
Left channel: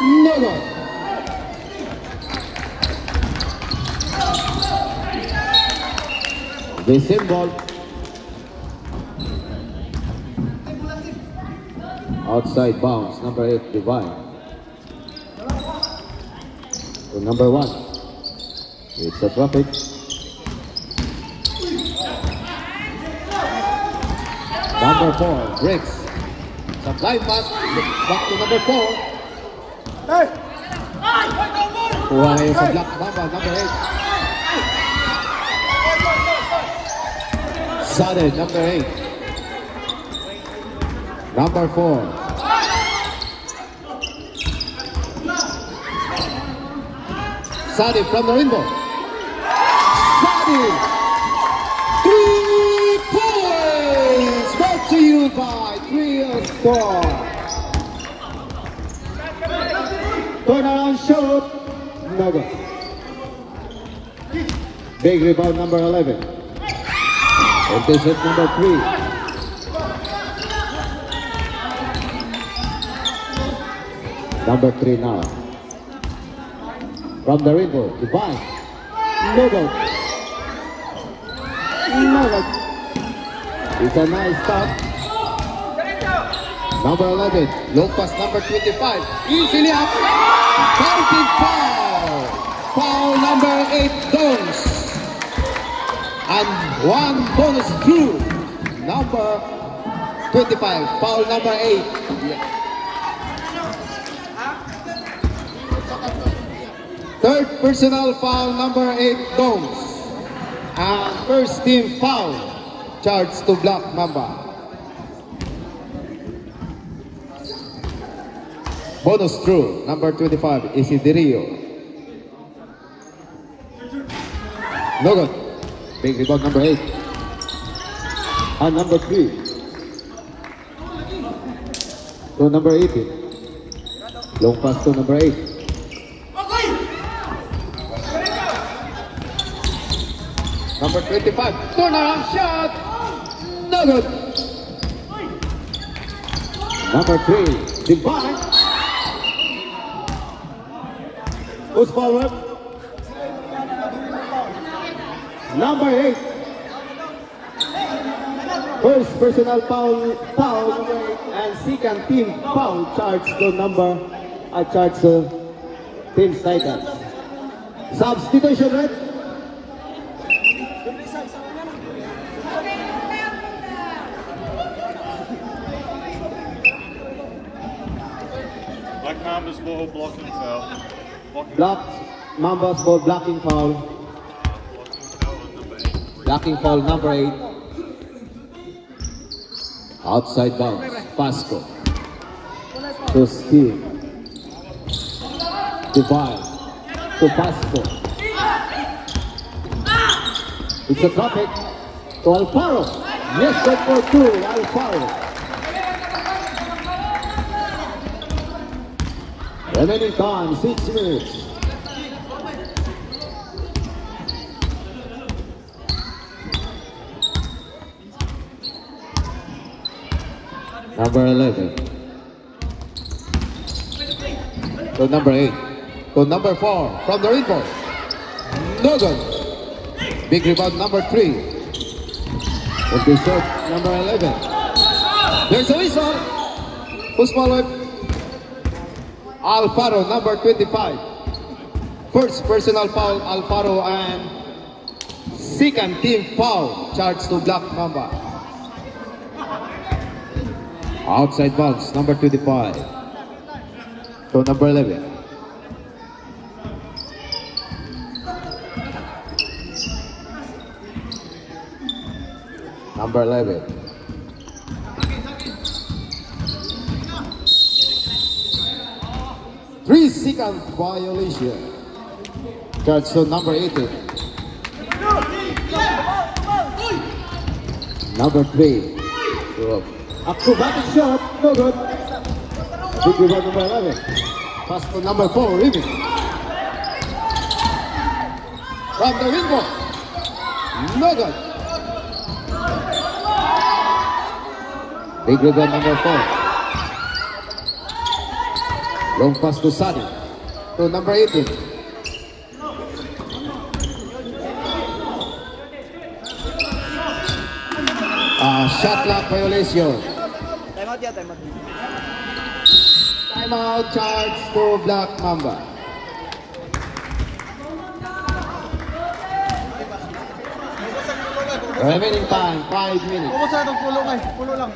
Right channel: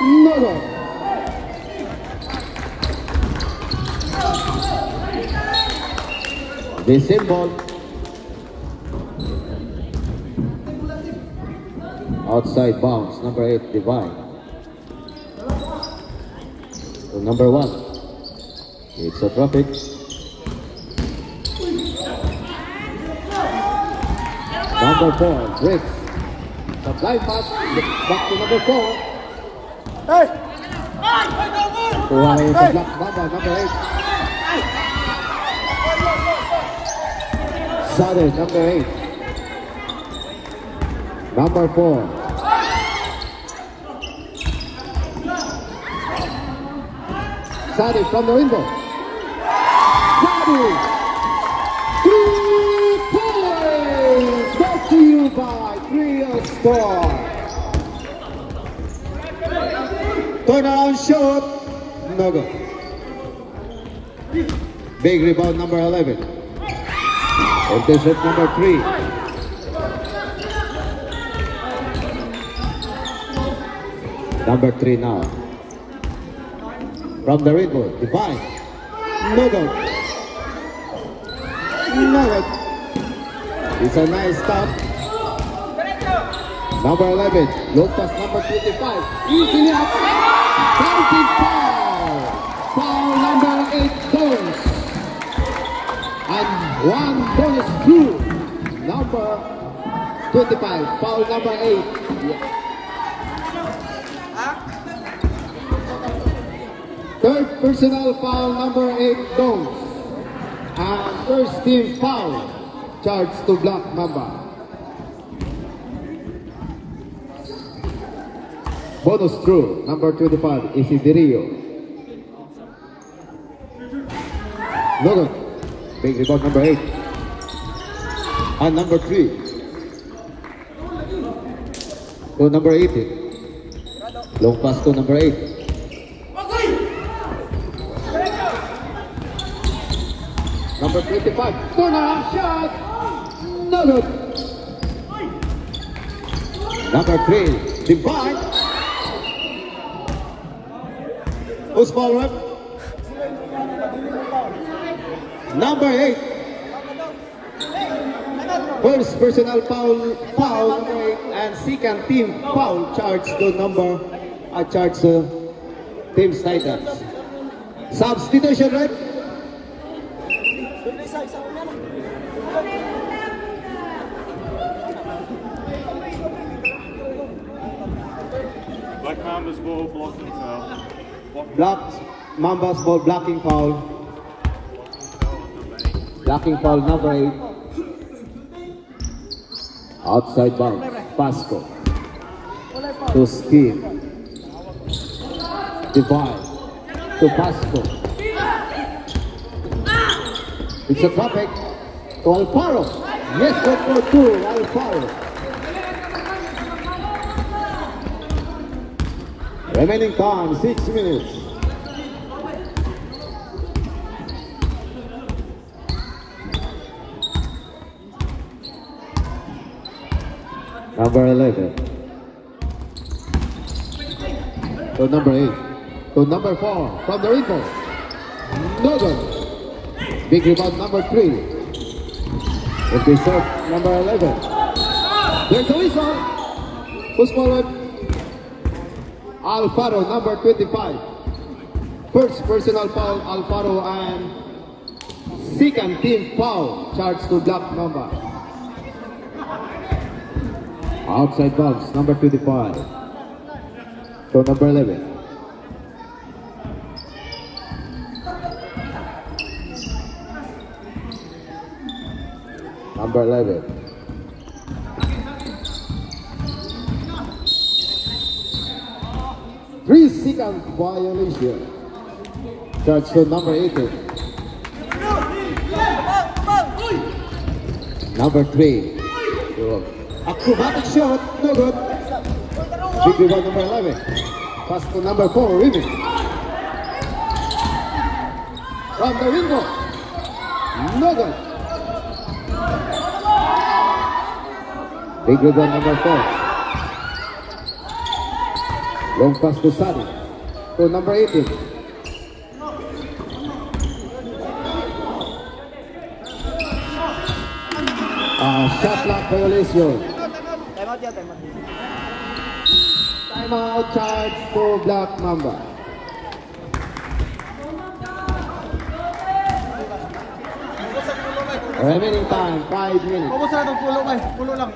No good. The symbol. Outside bounds, number 8, Divine. number 1. It's a traffic. Number 4, breaks. Supply pass, back to number 4. Kuha na yung sa Black Mamba, number 8. Sudden, number 8. Number 4. Sadi from the window. Sadi! 3 points! Brought to you by Trio Store. Turnaround shot. No good. Big rebound number 11. Intercept number 3. Number 3 now. From the rainbow, Divine. No good. No good. It's a nice stop. Number 11, low pass number 25. Easily up. Counting foul. Foul number 8 Dons. And 1 bonus two. Number 25. Foul number 8. Yeah. Third personal foul number 8 Dons. And first team foul charged to Black Mamba. Bonus through number 25 Isidirio. No good. Big rebound number 8. And number 3 to number 18. Long pass to number 8. Number 25, turnaround shot, no good. Number 3, Divine. Who's forward? Number 8. First personal foul number 8, and second team foul charged to Team Titans. Substitution, right? Black Mamba's ball blocking foul. Black Mamba's ball blocking foul. Blocking foul number 8. Outside bounds. Pasco. To Steve. Divine. To Pasco. It's a traffic. To Alfaro. Yes, good for 2. Alfaro. Remaining time, 6 minutes. Number 11. To number 8. To number 4. From the rebound. No good. Big rebound number 3. With the shot number 11. There's a whistle. Who's forward? Alfaro, number 25. First personal foul, Alfaro, and second team foul charged to Black Mamba. Outside bounce, number 25 to number 11. Number 11. Three-second violation. Charged to number 18. Number 3. Acrobatic shot, no good. Big rebound number 11. Pass to number 4, Remy. From the window. No good. Big rebound number 4. Long pass to Sadi. To number 18. Shot clock violation. Timeout charge to Black Mamba. Remaining time, 5 minutes. Pumunta ng pulo lang. Pulo lang.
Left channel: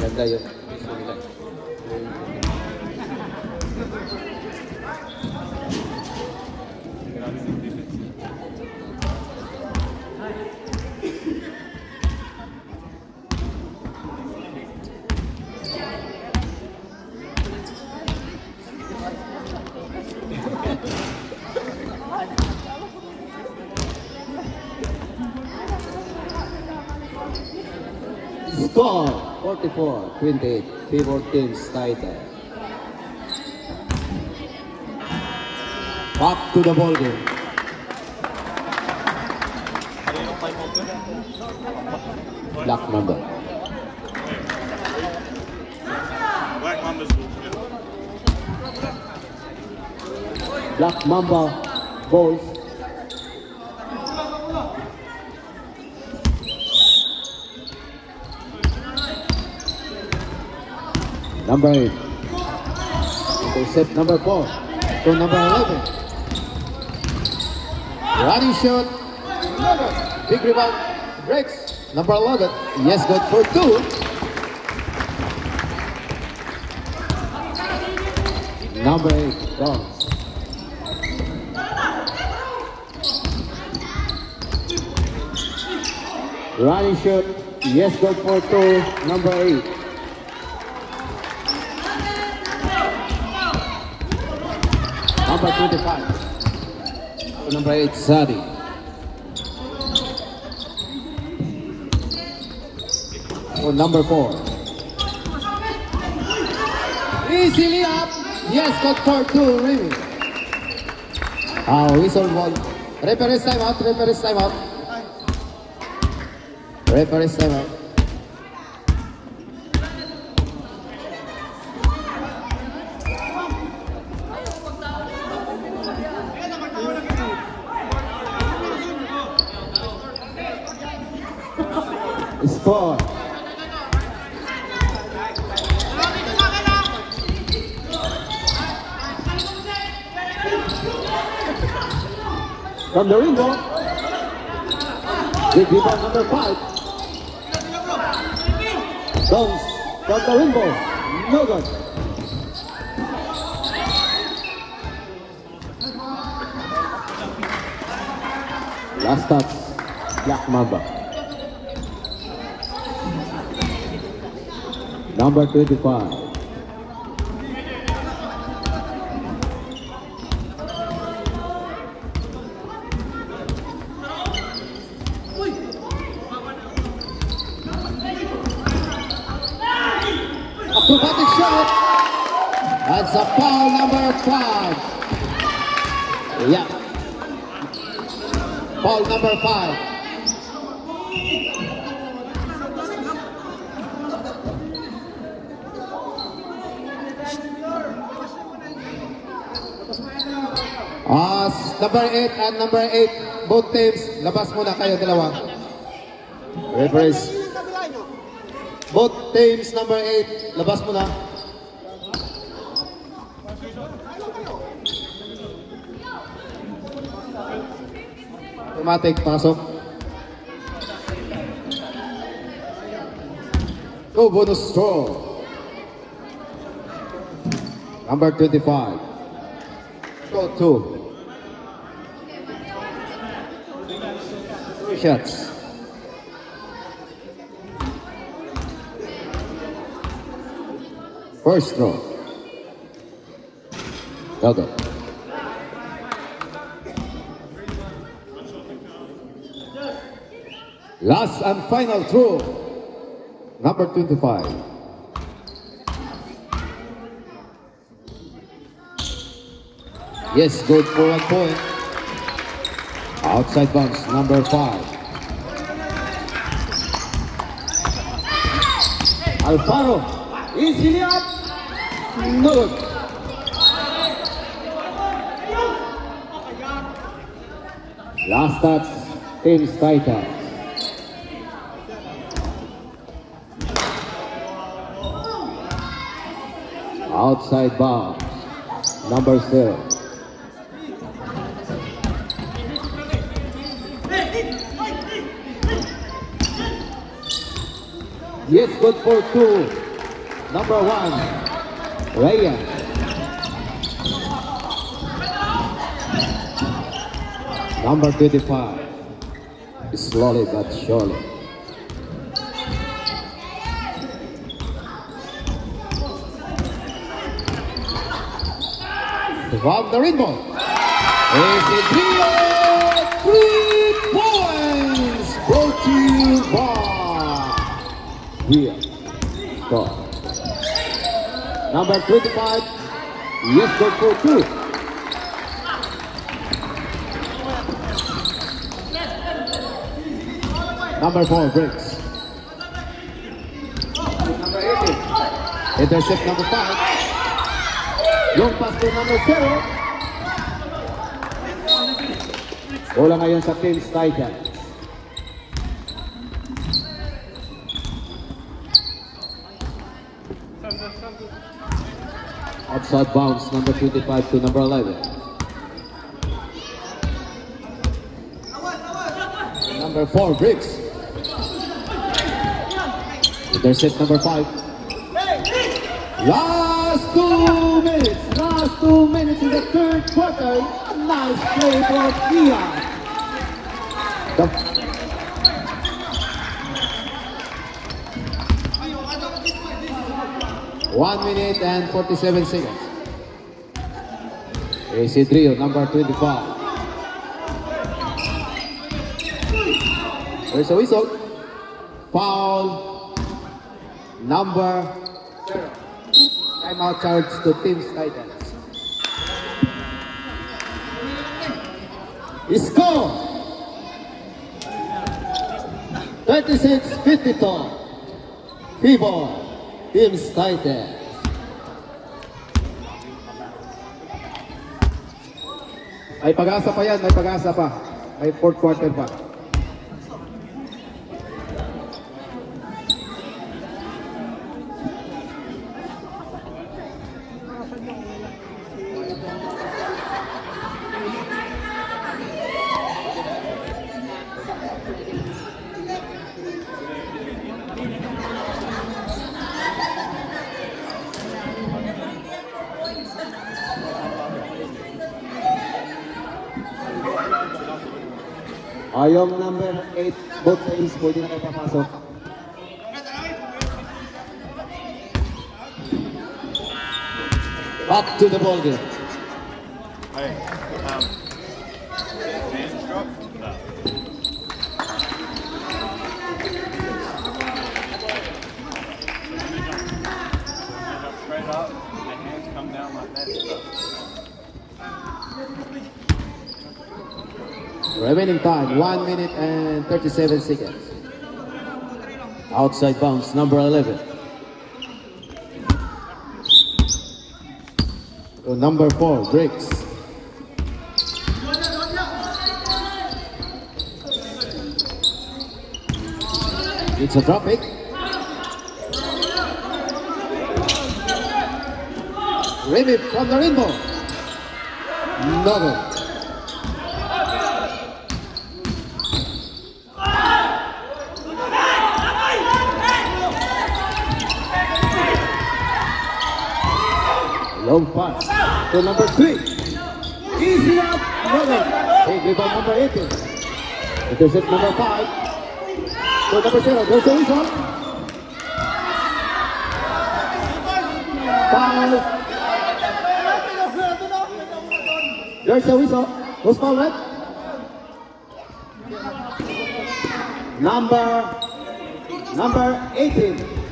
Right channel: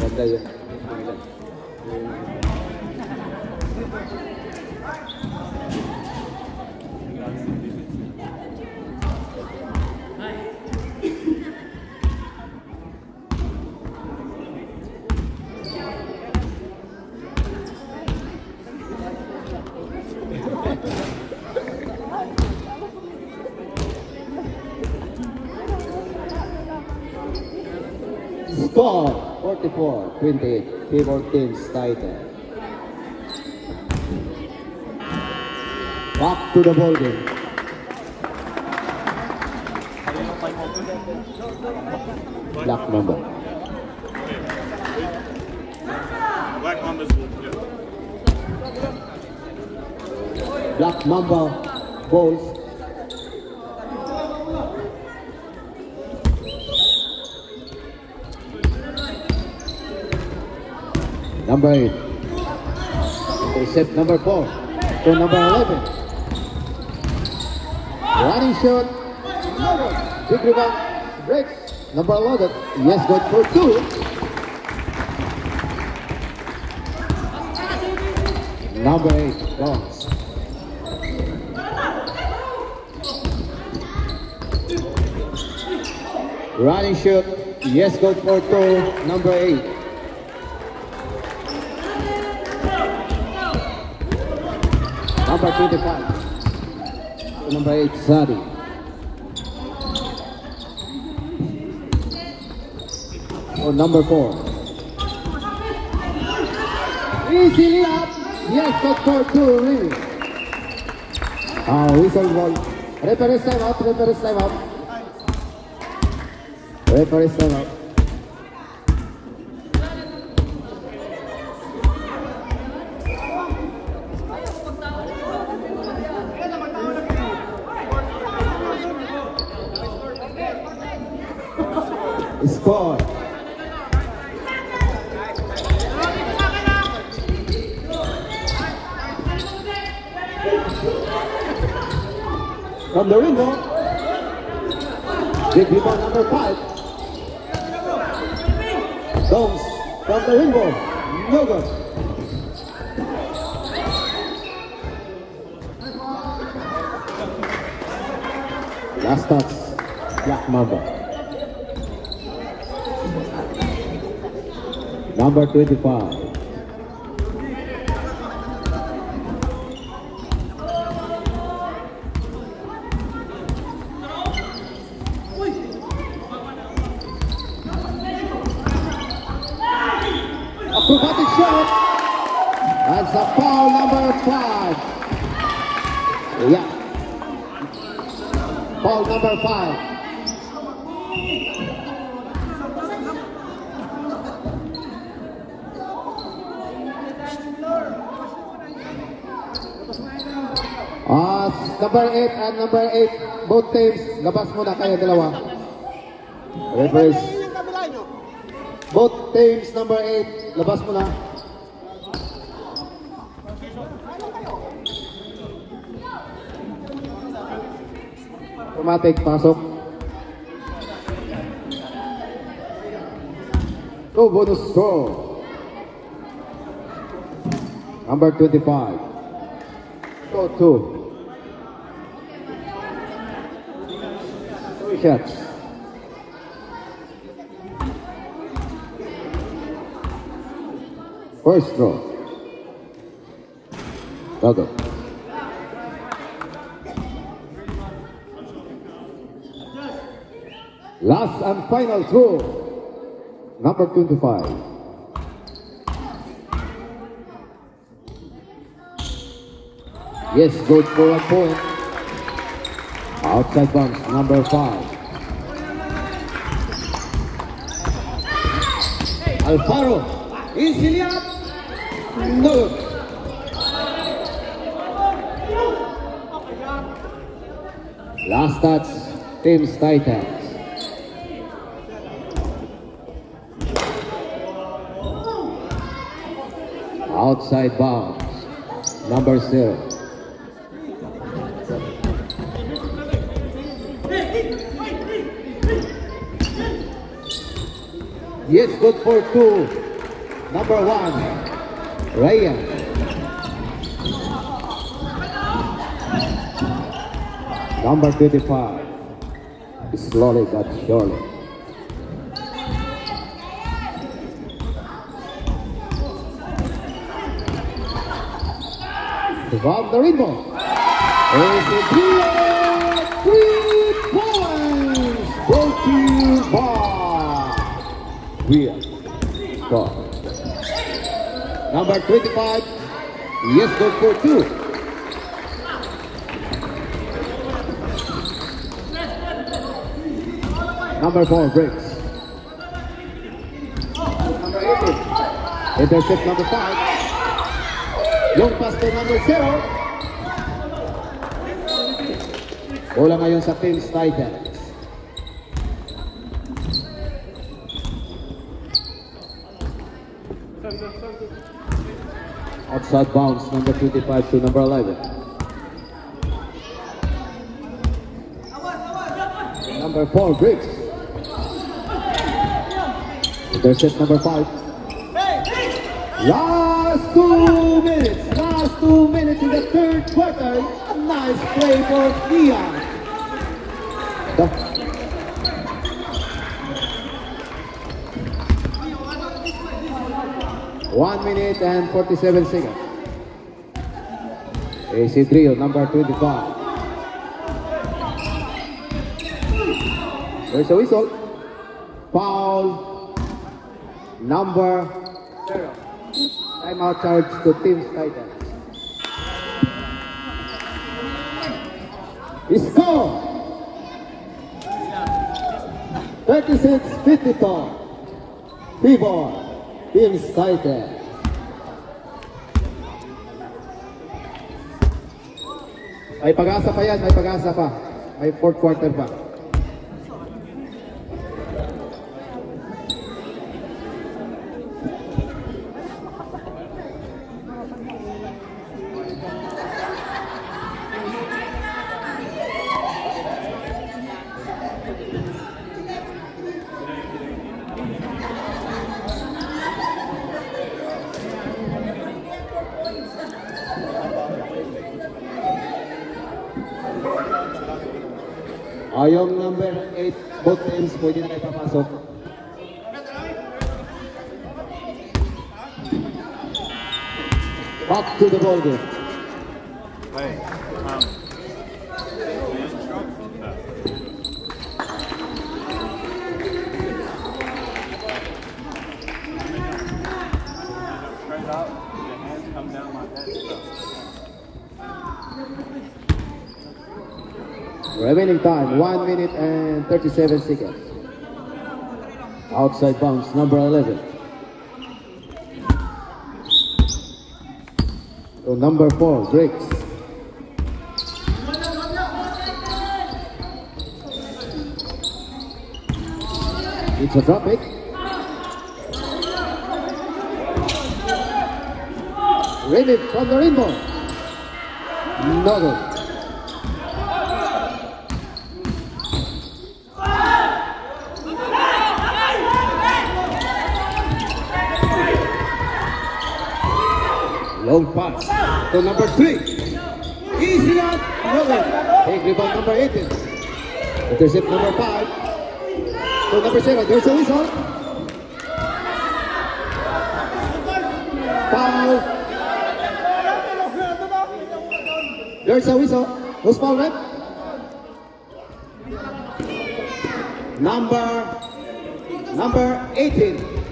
Ganda yun. Score 44-28, favor teams title. Back to the ball game. Kaninong time out yun? Black number. Black Mamba's good. Black Mamba balls. Number 8. Intercept number 4. To number 11. Running shot. Big rebound. Breaks. Number 11. Yes, good for 2. Number 8. Guns. Running shot. Yes, good for 2. Number 8. Number 25. Number 8, Sadi. Or number 4. Easily up. Yes, got for 2, really. Whistle ball. Referee's time out, referee's time out. Referee's time out. Score. From the window. Big rebound number 5. Downs from the window. No good. Last touch. Black Mamba. Number 25. Acrobatic shot. That's a foul number 5. Yeah. Foul number 5. Number 8 and number 8, both teams, labas muna kayo dalawa. Referees. Both teams, number 8, labas muna. Automatic, pasok. Go bonus throw. Number 25. Go 2. Shots. First throw. Dogger. Last and final throw. Number 25. Yes, good for 1 point. Outside bounce, number 5. Alfaro, easily up. No. Last touch, Teams Titans. Outside bounds. Number 0. Yes, good for 2. Number 1. Raya. Number 25. Slowly but surely. From the rainbow. Is a 3 points. Brought to you by here. Score. Number 25. Yes, good for 2. Number 4 breaks. Intercept number 5. Long pass to number 0. Bola ngayon sa Teams Titans. Outside bounds, number 25 to number 11. Number 4 breaks. Intercept number 5. Last 2 minutes in the third quarter. A nice play for Dion. 1 minute and 47 seconds. AC Trio, number 25. There's a whistle. Foul. Number 0. Timeout charge to Teams Titans. Score 36-52. People, Teams Titans. May pag-asa pa yan, may pag-asa pa. May fourth quarter pa. Yung number 8, both teams pwede na kayo papasok. Back to the ball game. Hey, straight up, the hands come down like that stuff. Remaining time, 1 minute and 37 seconds. Outside bounds, number 11. So number 4 breaks. It's a drop it. Win it from the rainbow. Nothing. Long pass to number 3. Easy on Nolan. Take rebound number 18. Intercept number 5. To number 0. There's a whistle. Foul. There's a whistle. Who's foul red? Number 18.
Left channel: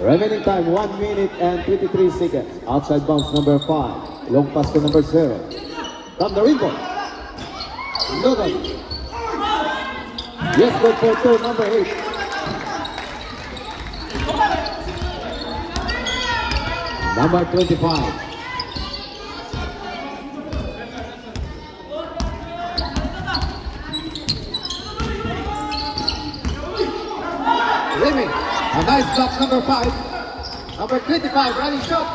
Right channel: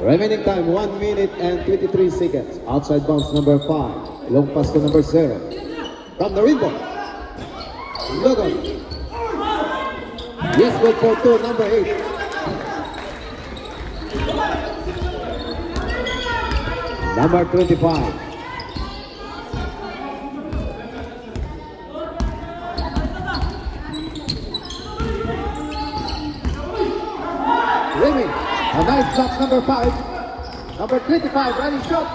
Remaining time, 1 minute and 23 seconds. Outside bounds, number 5. Long pass to number 0. From the rainbow. Logan. Yes, good for 2, number 8. Number 25. Limit. A nice shot, number 5. Number 25, running shot.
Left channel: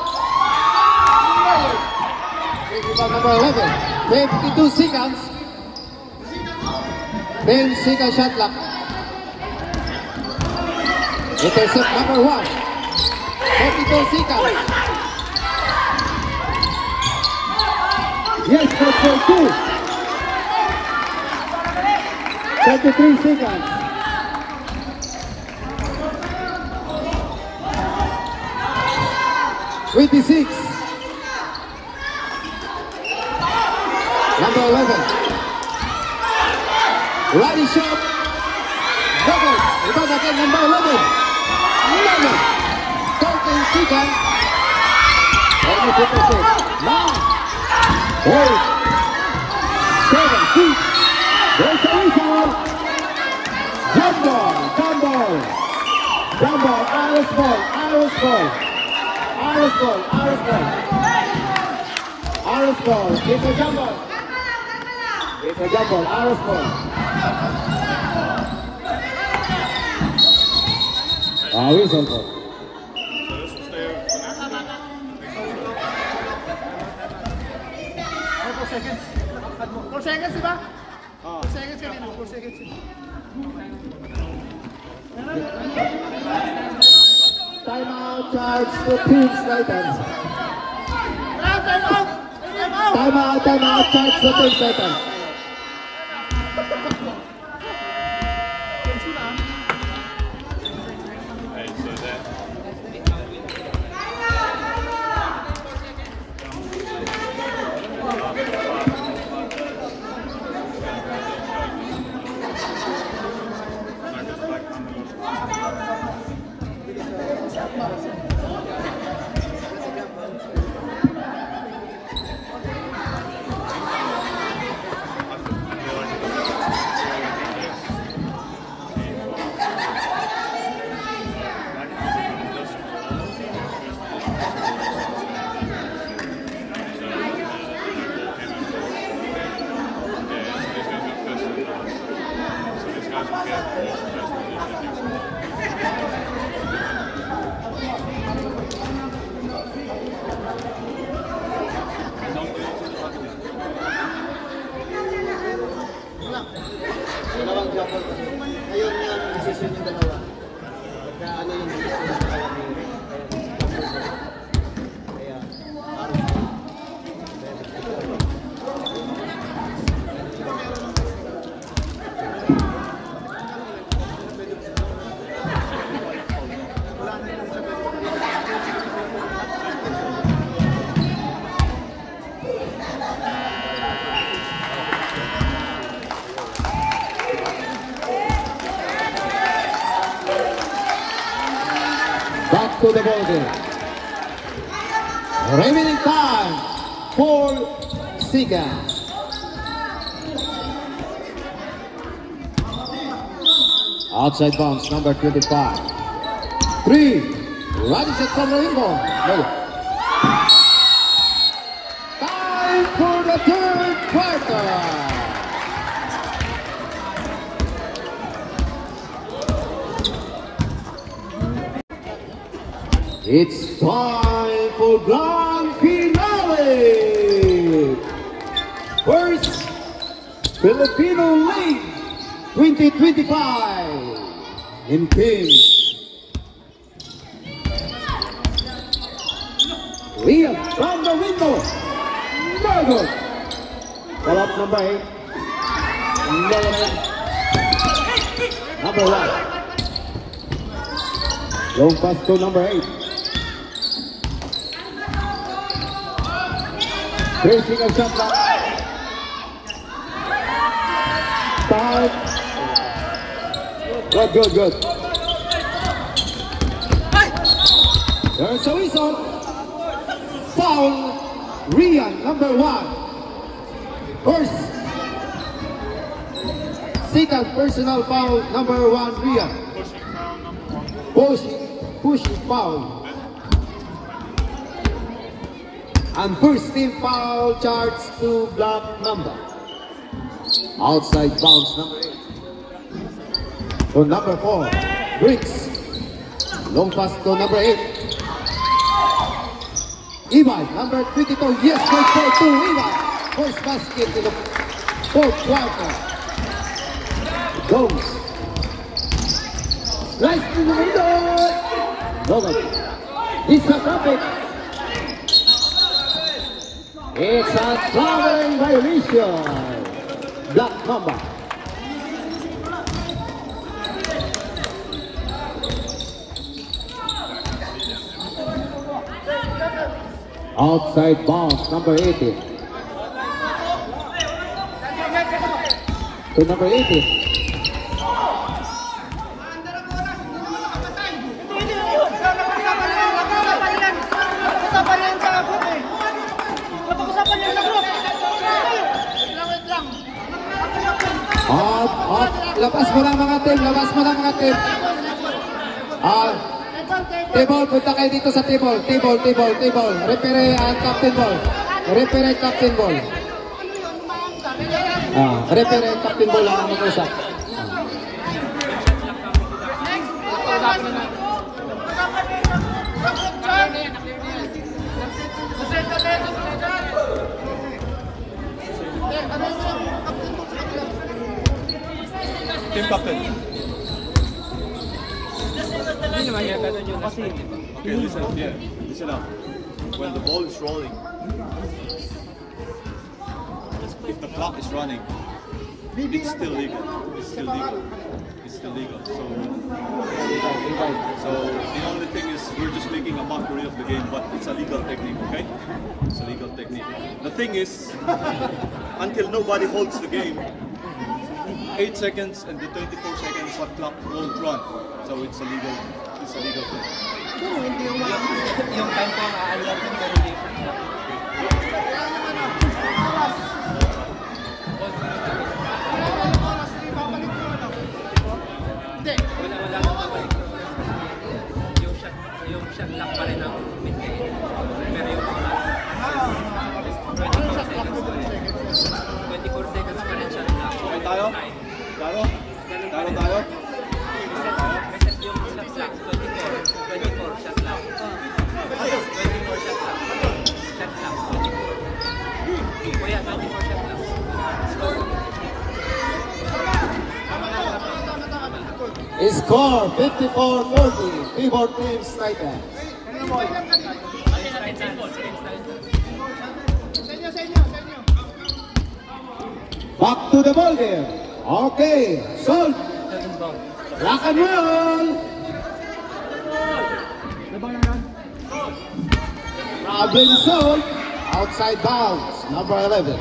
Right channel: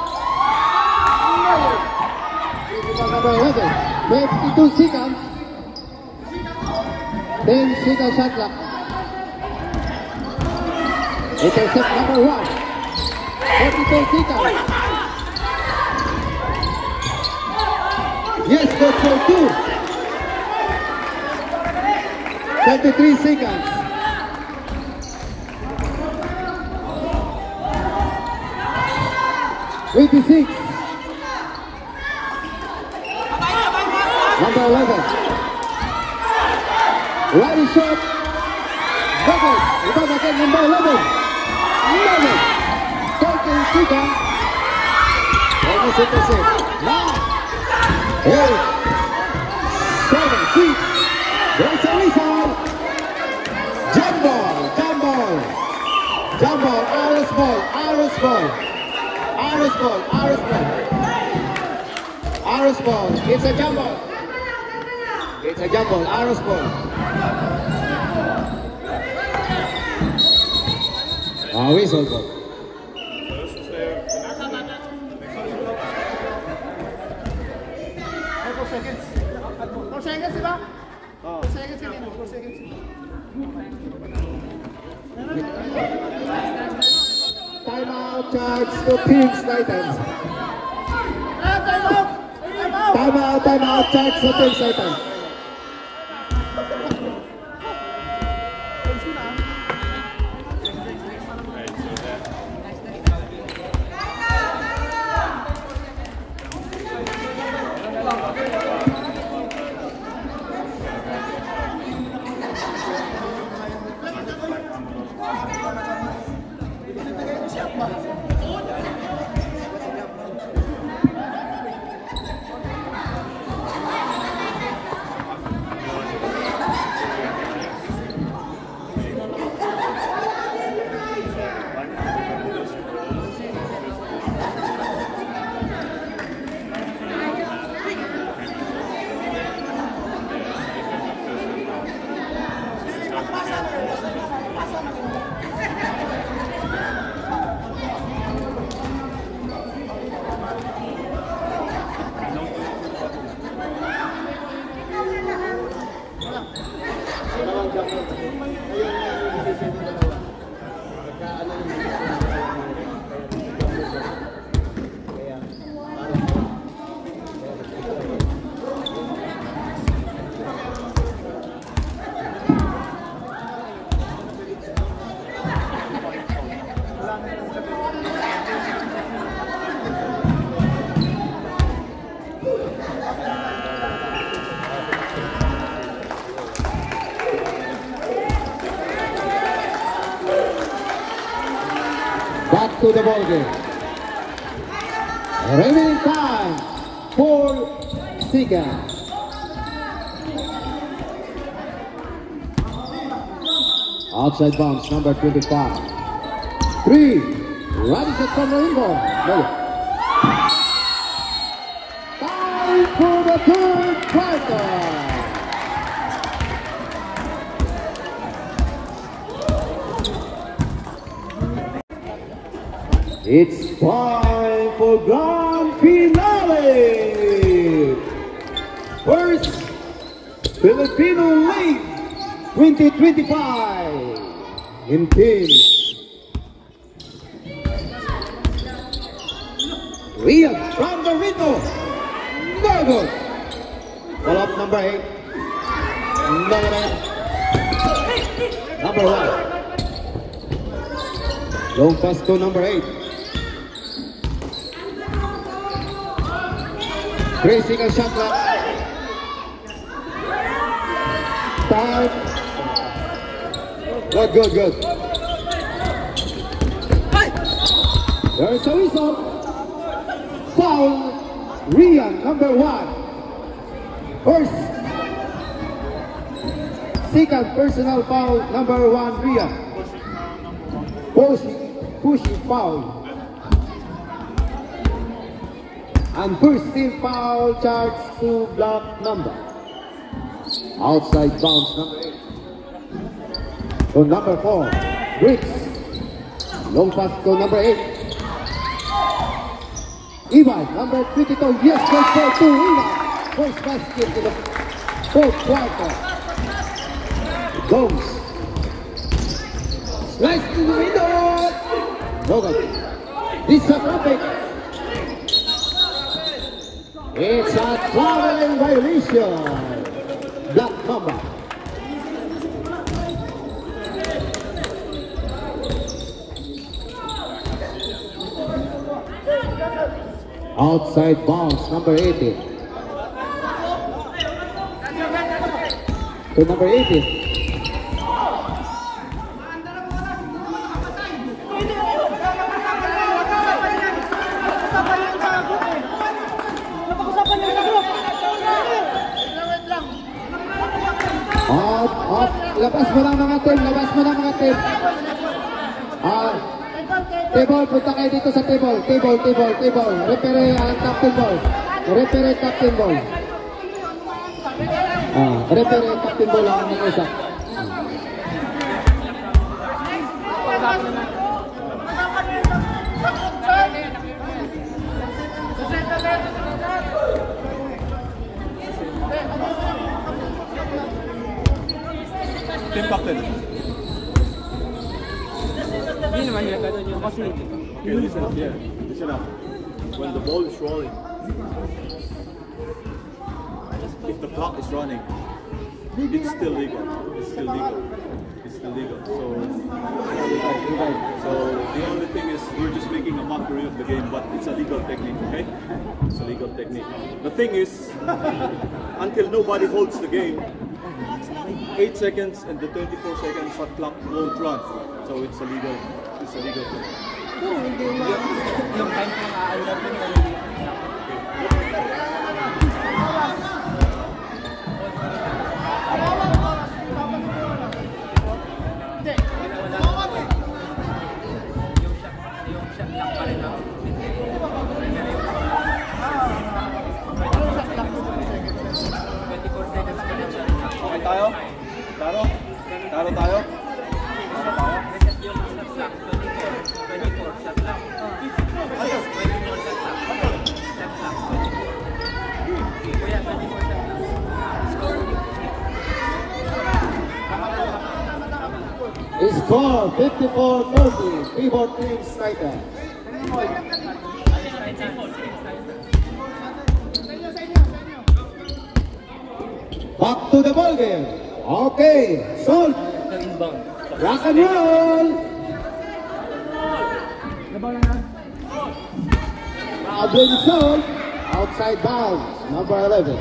Number 11. 22 seconds. 10 seconds shot clock. Intercept number 1. 42 seconds. Yes, good for 2. 23 seconds. '26. Number 11. Right shot. Double. Rebound again, number 11. 11. 13 seconds. Almost intercept. 8. 7. 6. There's a whistle. Jump ball. Jump ball. Jump ball. Irish ball. Irish ball. Irish ball. Irish ball. Irish ball. It's a jump ball. It's a jump ball. Irish ball. Whistle ball. Timeout charge to Team Titans. Timeout charge to Team Titans. Back to the ball game. Remaining time, 4 seconds. Outside bounce, number 25. 3. Right shot from Rainbow. No. Time for the third quarter. It's time for grand finale! First, Filipino League 2025 in teams. Rian from the window. Very good. Pull up number 8. Number 1. Long pass to number 8. 3 seconds shot clock. Time. Good. There's a whistle. Foul. Rian, number 1. First. Second personal foul, number 1, Rian. Pushing foul. And first team foul charge to block number. Outside bounce number 8. So number 4, Briggs. Long pass to number 8. Ivan, number 22. Yes, good for 2. Ivan. First basket in the fourth quarter. Gomes. Slice in the middle. Logan. This is a traffic. It's a traveling violation. Black Mamba. Outside bounce, number 18. To number 18. Labas mo na mga team, labas mo na mga team. Table, punta kayo dito sa table. Table. Repere captain ball. Repere captain ball. Repere captain ball ang mga isa. Team captain. Okay, listen up. Yeah, listen up. When the ball is rolling, if the clock is running, it's still legal. It's still legal. It's still legal. So the only thing is we're just making a mockery of the game, but it's a legal technique. Okay, it's a legal technique. The thing is, until nobody holds the game, 8 seconds and the 24 seconds shot clock won't run. So it's a legal thing. Yung time ko na-alert yung pero hindi wala naman yung shot lock pa rin ang maintain. Pero yung oras 24 seconds pa rin. 24 seconds pa rin siya rin lang. Tayo? Taro tayo? Reset yung shot lock 24 shot lock. 24 shot lock. Shot lock 24. Kaya 24 shot lock. Score 54-40. Keyboard Teams Titans. Back to the ball game. Okay, Salt. Rock and roll. Robin Salt. Outside bounds. Number 11.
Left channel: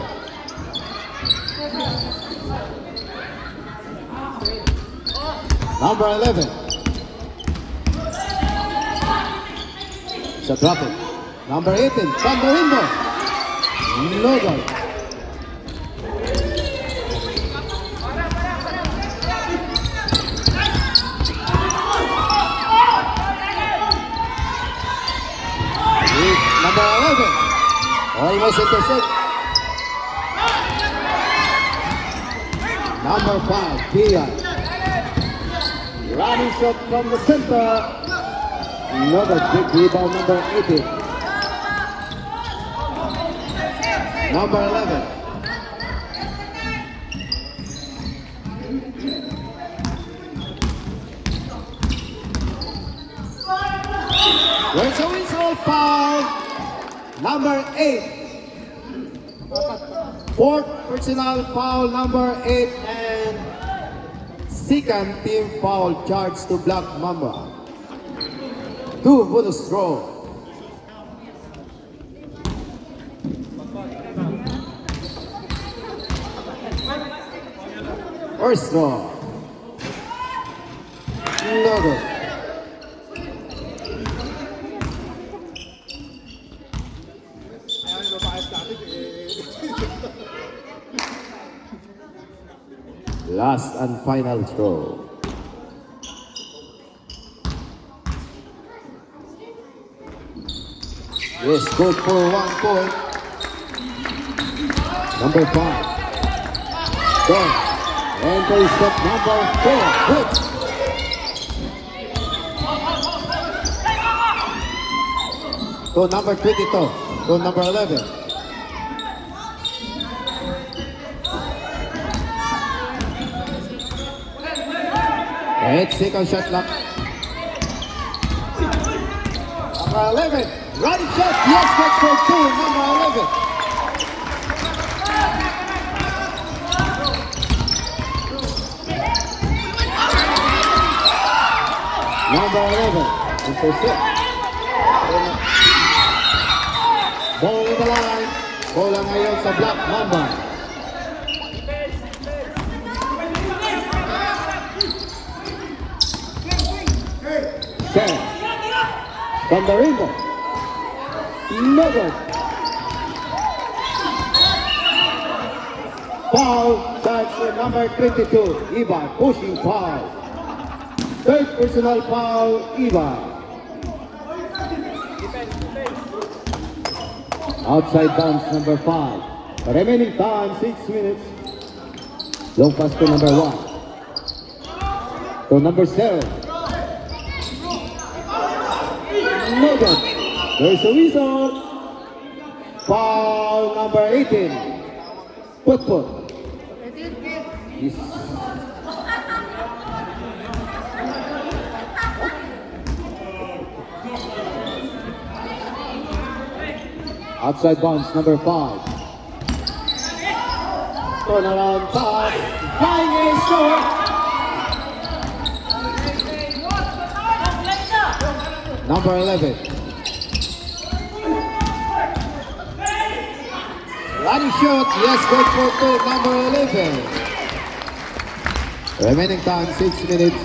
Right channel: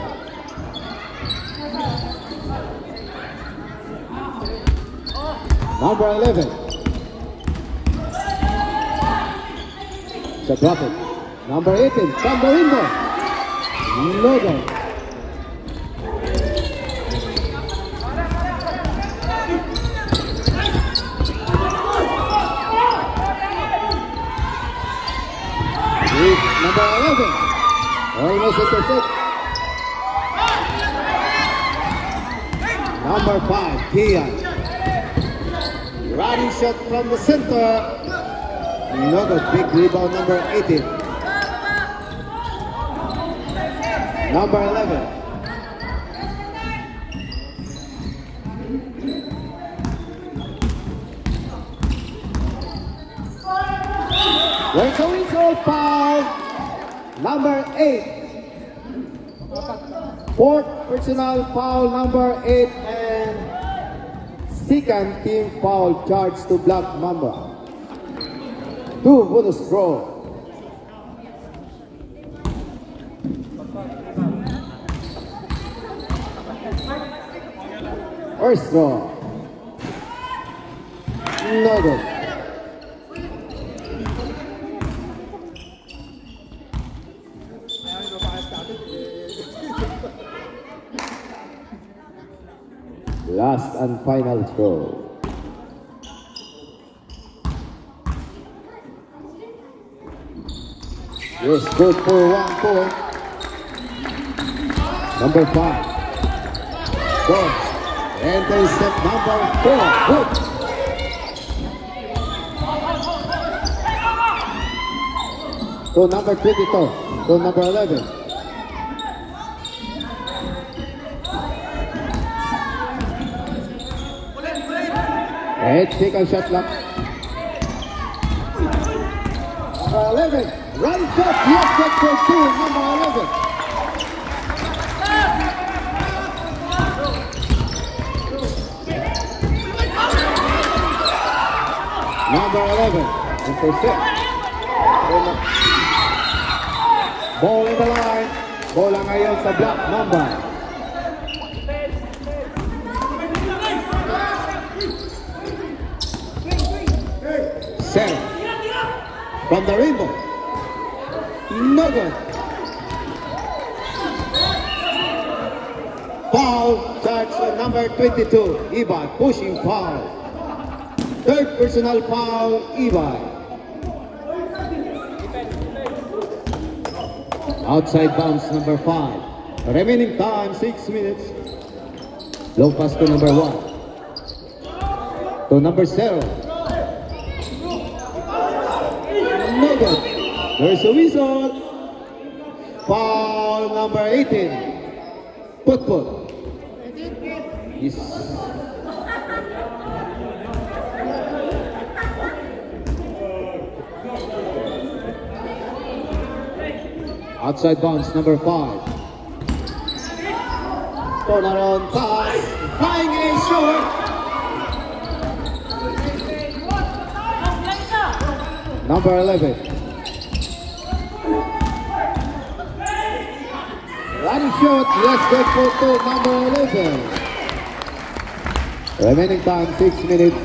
Number 11. Sa drop it. Number 18. From the window. Logan. Number 11. Almost intercept. Number 5. Kia. Running shot from the center. Another big rebound, number 18. Number 11. There's a whistle foul. Number 8. Fourth personal foul, number 8, and second team foul charge to Black Mamba. 2 bonus throw. First throw. No good. Last and final throw. Yes, good for 1 point. Number 5. Go. Intercept number 4. Good. to number 22, to number 11. And second shot clock. Number 11, running shot, yes, good for 2, number 11. Number 11, intercept. Ball in the line. Bola ngayon sa Black Mamba. Sam from the rainbow. No good. Foul starts with number 22, Iba, pushing foul. Third personal foul, Iba. Outside bounce number 5. Remaining time 6 minutes. Low pass to number 1. To number 0. No good. There's a whistle. Foul number 18. Put. Yes. Outside bounce number 5. Turn around pass. Flying in shower. Number 11. Running shot. Yes, good for 2. Number 11. Remaining time 6 minutes.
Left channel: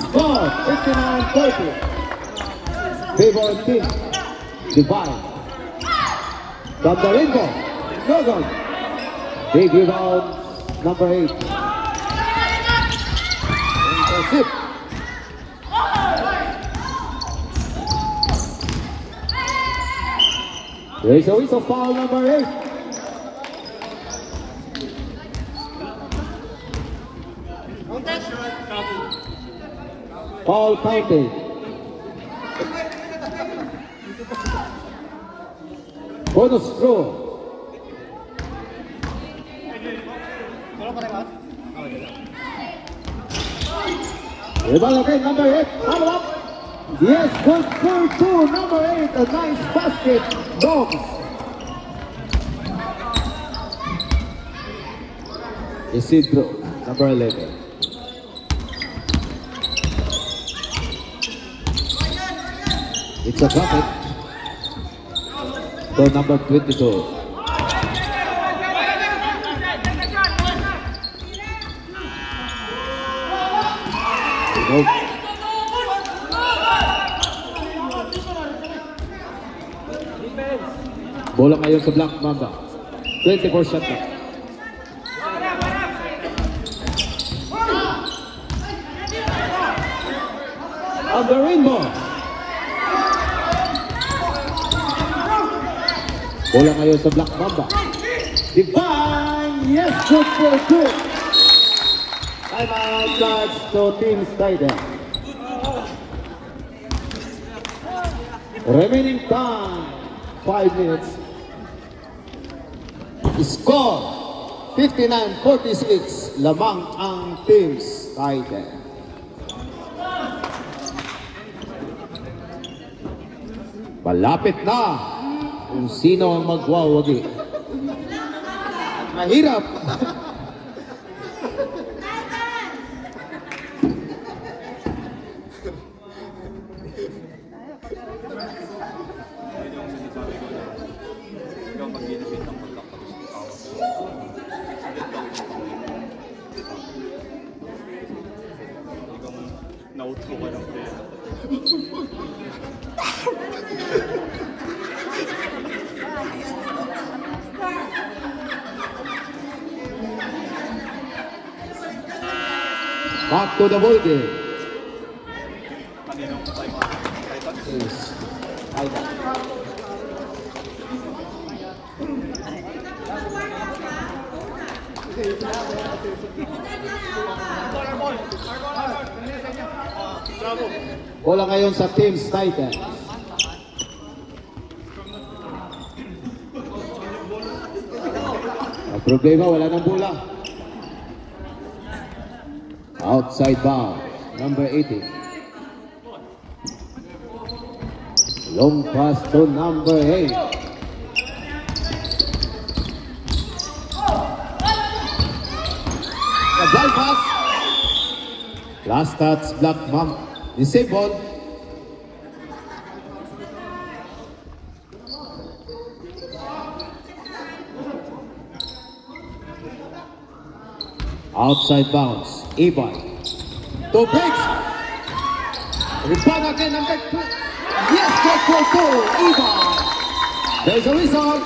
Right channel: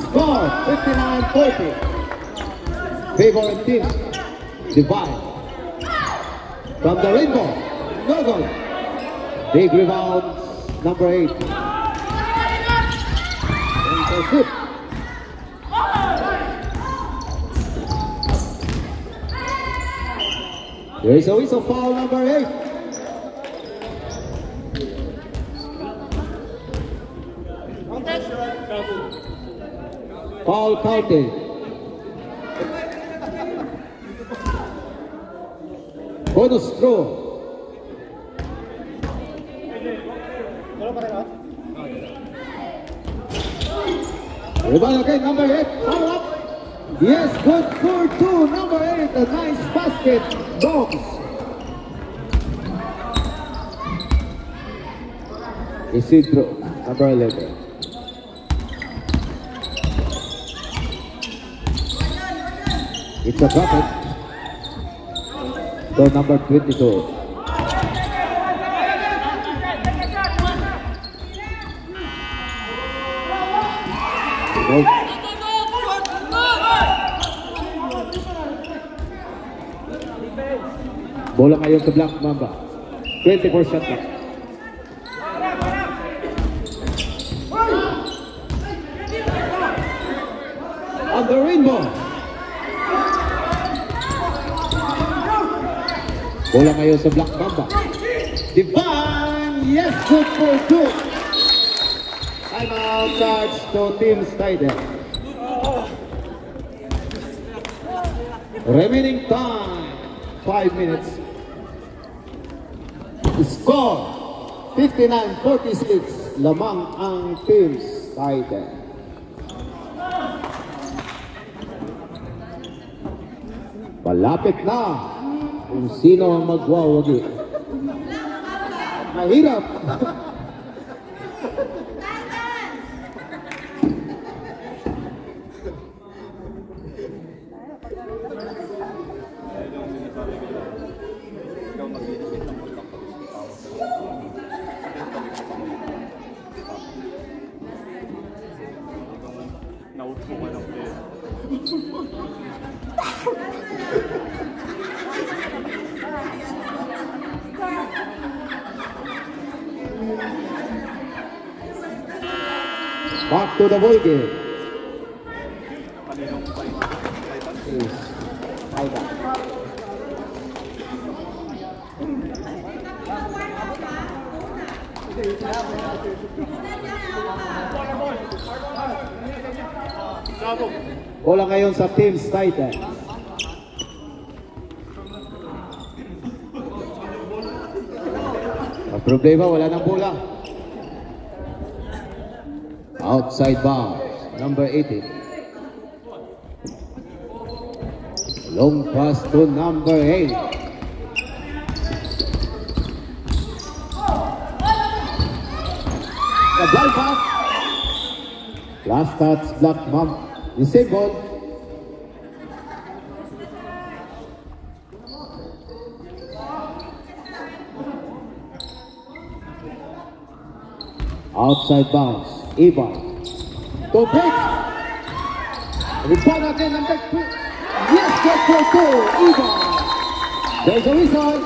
Score 59-40. Favor team. Divine. From the rainbow, no goal. Big rebound, number 8. Intercept. There is a whistle, foul number 8. Foul counted. Bonus throw. Rebound again, number 8. Follow up. Yes, good for 2. Number 8, a nice basket. Dogs. Isidro, number 11. It's a bucket. To number 22. Bola ngayon sa Black Mamba. 24 shot clock. On the rainbow. Bola ngayon sa Black Mamba. Divine, yes, good for 2. Time out charge to Team Snyder. Remaining time 5 minutes. Score 59-46. Lamang ang Team Snyder. Malapit na kung sino ang magwawagi. Mahirap. Na-outro ka ng player. Back to the ball game. Yes. Bola ngayon sa Team Titan. Problema, wala nang bola. Outside bounds, number 80. Long pass to number 8. A ball pass. Last touch, Black Mamba. Disabled. Outside bounds, Ivan. To breaks. Rebound again, number 2. Yes, that's for 2, Ivan. There's a whistle.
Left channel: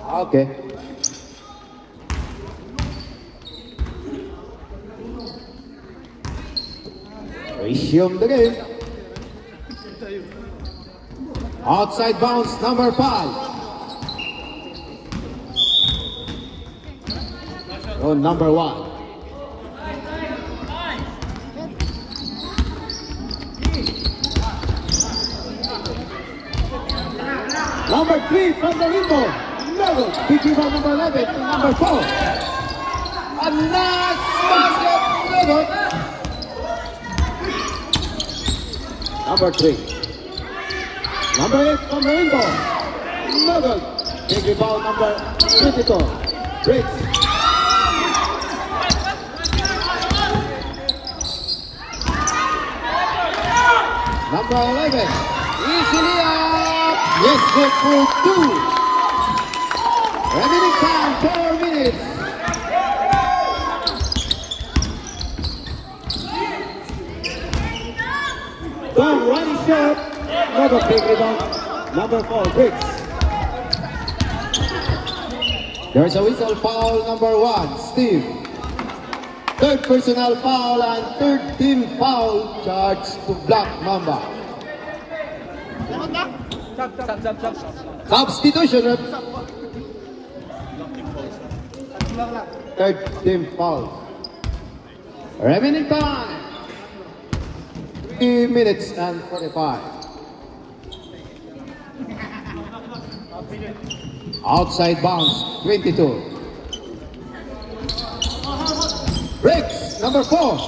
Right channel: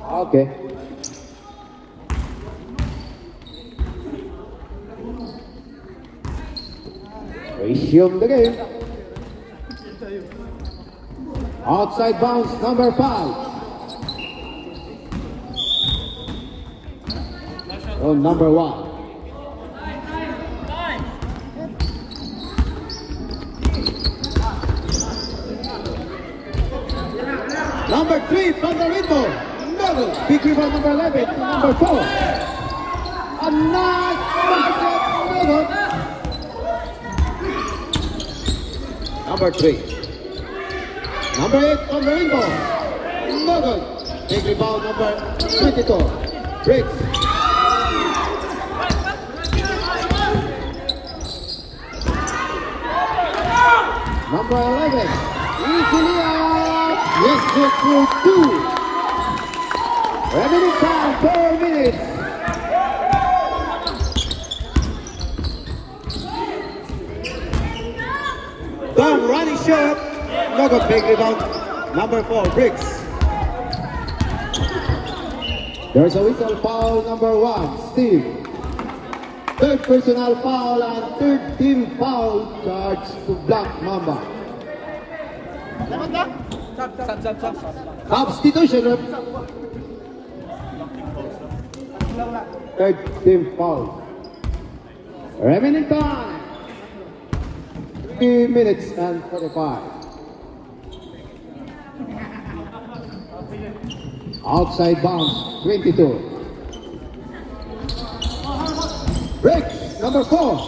Okay. Resume the game. Outside bounds, number 5. On number 1. Number 3 from the window. No, big rebound number 11 to number 4. A nice basket. No. Number 3. Number 8 from the window. Nugget. Big rebound number 22. Breaks. Number 11. Easily up. Yes, good for 2. Remaining time, 4 minutes. Third running shot. Another big rebound. Number 4, Briggs. There's a whistle, foul number 1, Steve. Third personal foul and third team foul charge to Black Mamba. Substitution. Third team foul. Remaining time 3 minutes and 45. Outside bounds 22. Breaks number 4.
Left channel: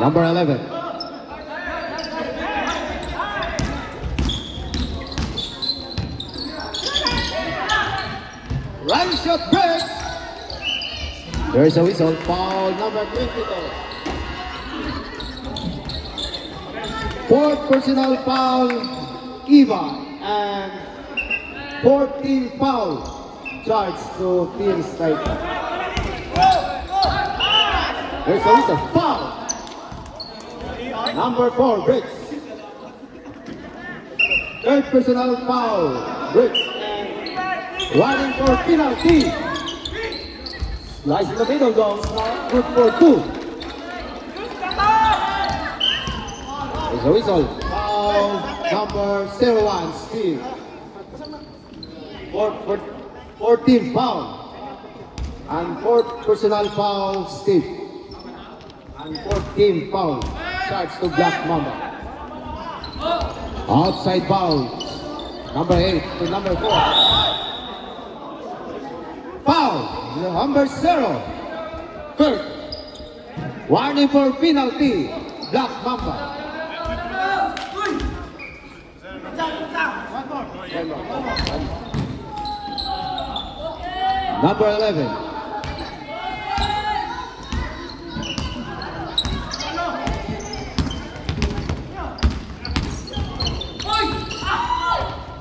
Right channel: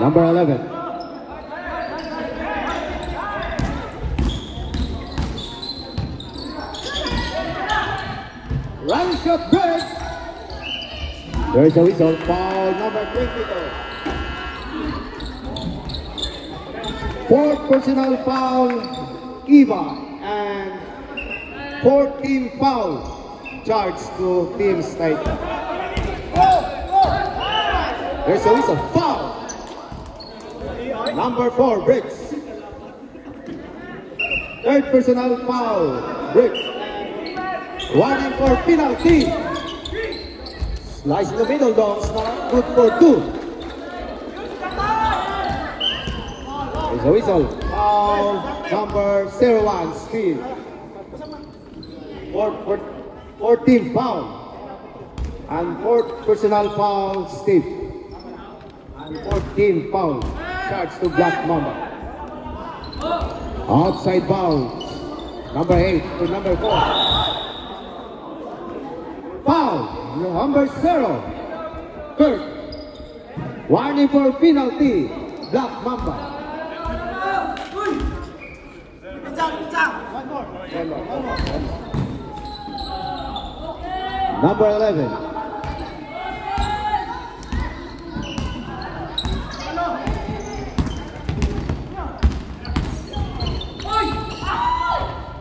Number 11. Line shot breaks. There's a whistle, foul number 22. Fourth personal foul, Eva, and 14 foul charge to Team State. There's a whistle, foul. Number 4, Briggs. Third personal foul, Briggs. Warning for penalty. Slice in the middle, though. Good for 2. There's a whistle. Foul number 01, Steve. 14 foul. And 4th personal foul, Steve. And 14 foul. Charge to Black Mamba. Outside bounds. Number 8 to number 4. Foul, number 0. Kurt. Warning for penalty. Black Mamba. Number 11.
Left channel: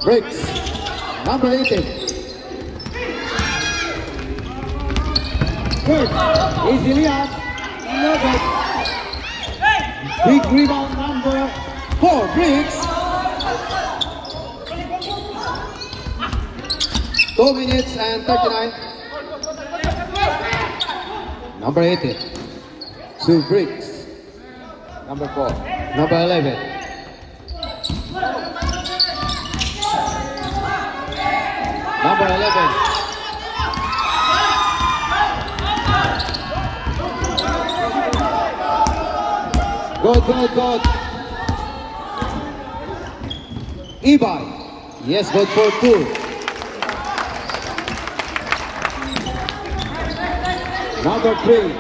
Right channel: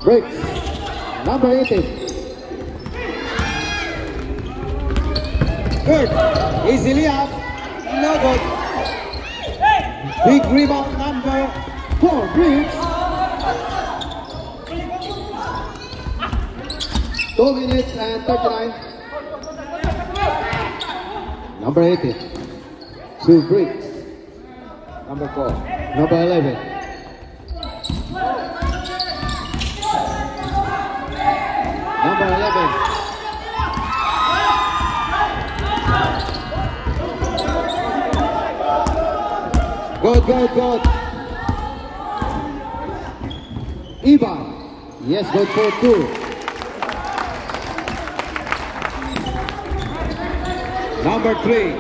Briggs. Number 18. Good. Easily out. Another. Big rebound number 4. Briggs. 2 minutes and 39. Number 18. Sue Briggs. Number 4. Number 11. Number 11. Good. Iban. Yes, good for 2. Number 3.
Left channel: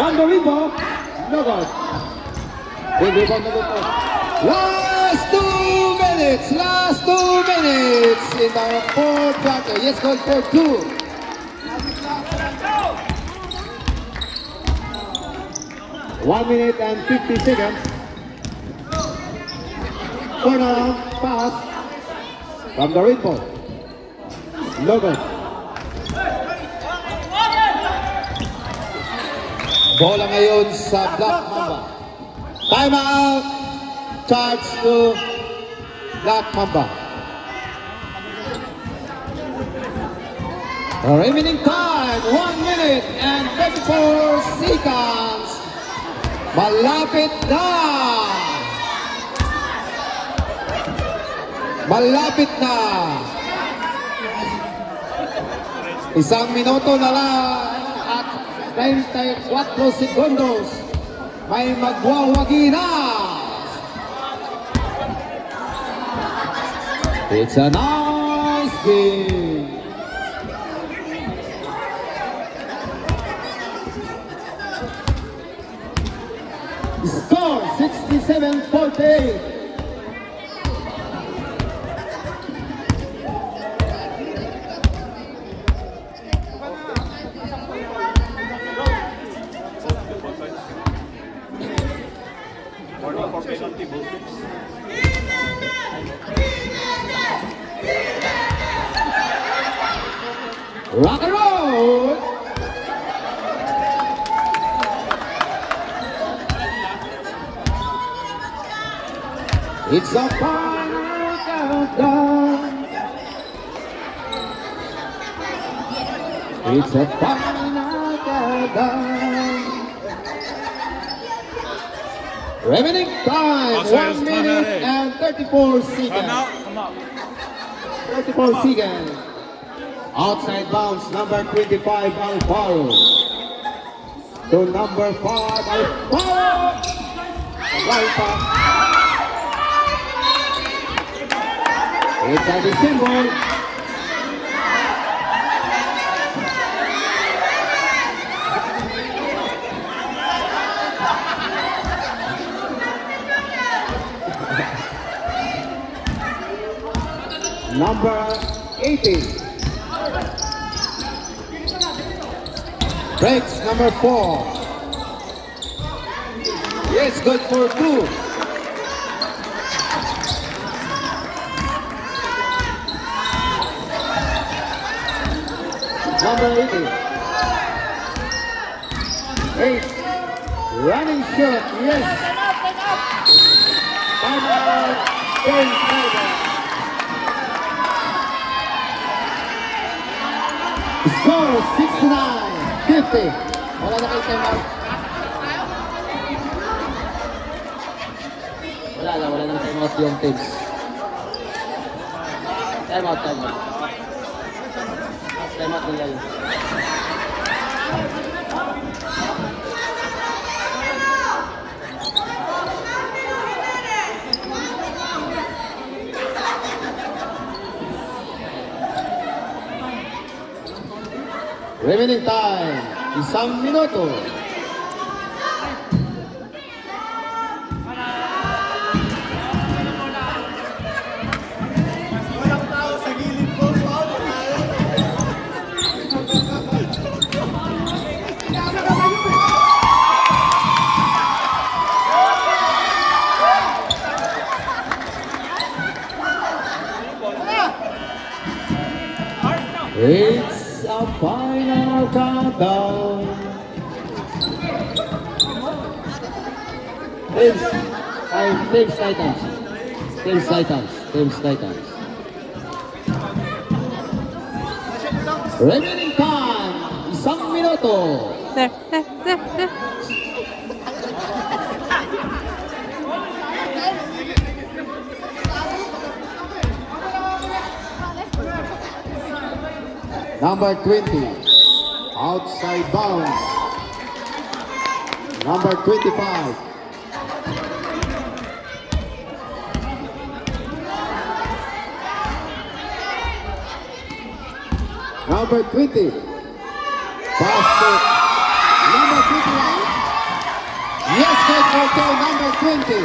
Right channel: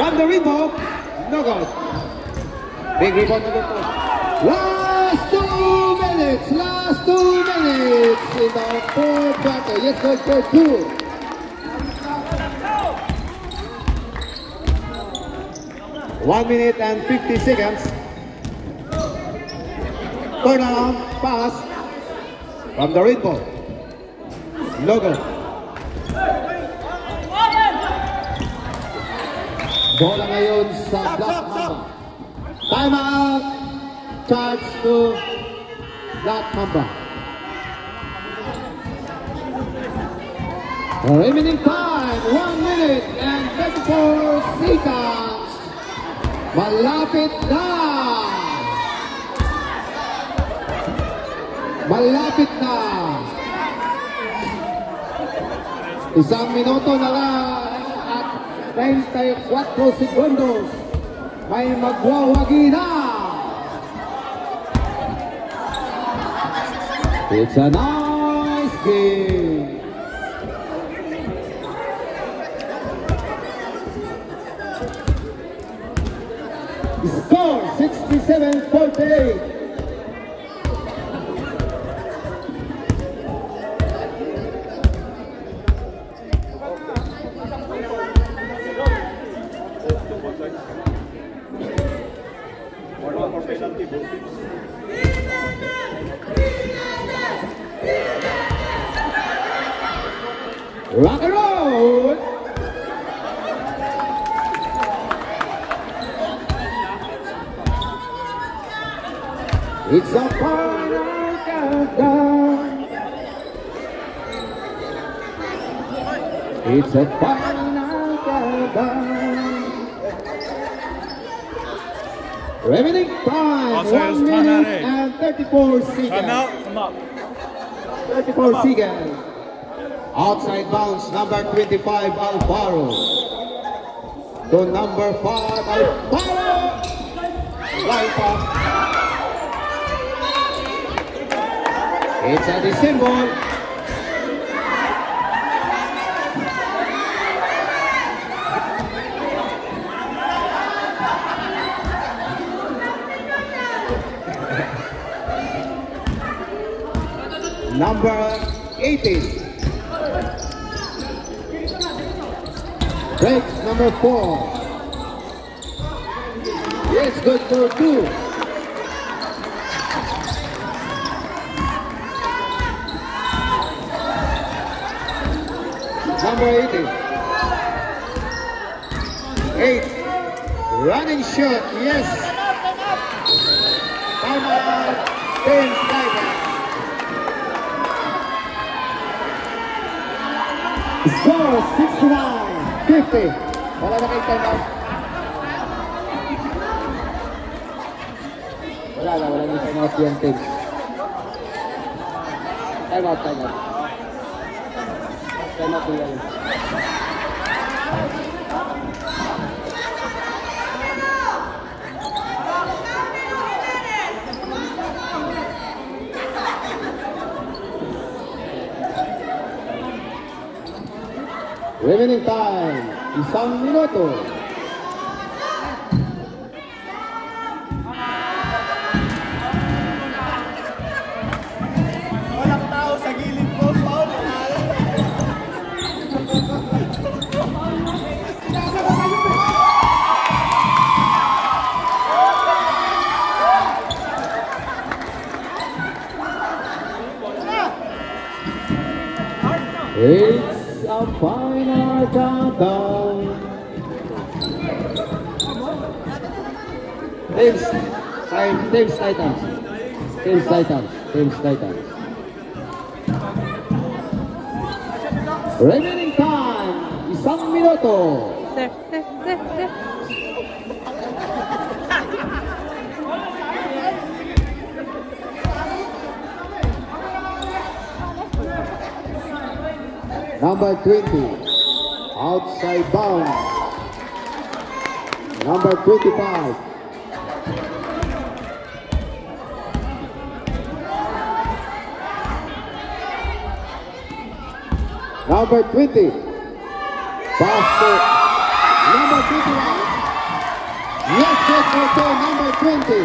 On the rebound. No good. Big rebound na po. Last 2 minutes in our fourth quarter. Yes, good for 2. One minute and 50 seconds for the pass from the rainbow. Logo. Bola ngayon sa Black Mamba. Time out. Charge to Black Mamba. Remaining time, 1 minute and 34 seconds. Malapit na! Isang minuto na lang at 34 segundos. May magwawagi na! It's a nice game! Score 67-48. Rock and roll! It's a final countdown. It's a final countdown. Remaining time, 1 minute and 34 seconds. Come up. 34 seconds. Outside bounce, number 25, Alvaro. To number 5, Alvaro. Right pass. It's a receive one. Number 18. Breaks number 4. Yes, good for 2. Number 18. 8. Running shot, yes. Time out. 10 seconds. Score 69-50. Wala na kayo time out. Wala na time out yung teams. Time out. Time out nila yun. Remaining time, 1 minuto. It's a final countdown. Teams Titans. Remaining time, 1 minuto. Number 20, outside. side bounce. Number 25. Number 20. Basket. Number 21. Yes, for number 20.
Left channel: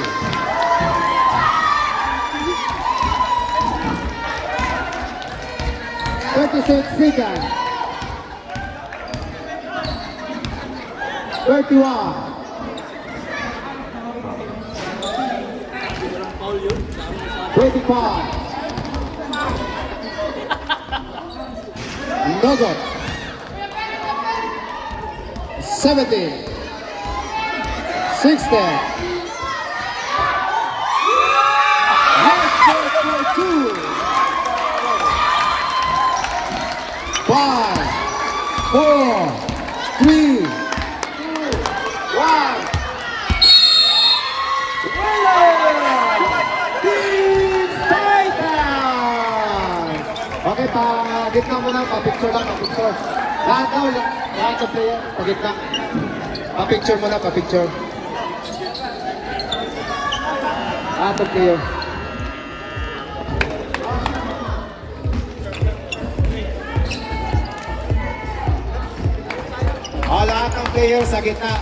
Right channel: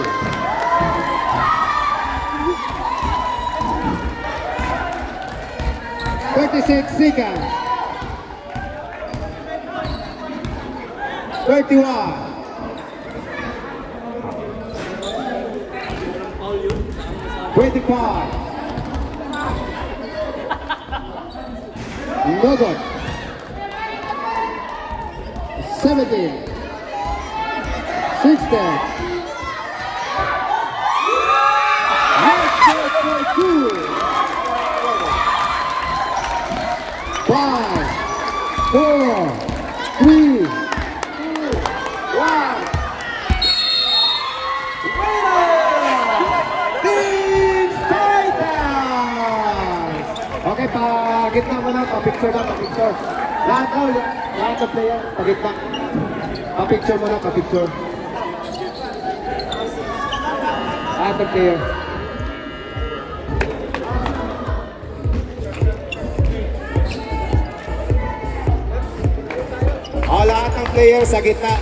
Thirty-six seconds. 31. $25. No good. 17. 16. Let's go for 2. 5, 4, 3, 2, 1. Team Titans! Okay, pa-gitna muna, pa-picture lang, pa-picture. Lahat ng player, pa-gitna. Pa-picture muna, pa-picture. Lahat ng player. Lahat ng player sa gitna.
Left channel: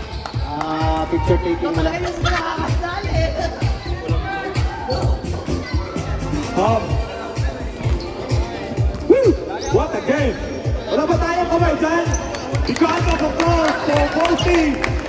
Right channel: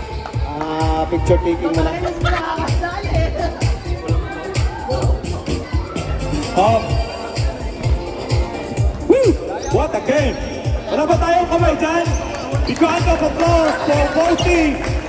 Picture taking na lang. What a game! Wala ba tayong kamay dyan? Because of applause to both teams!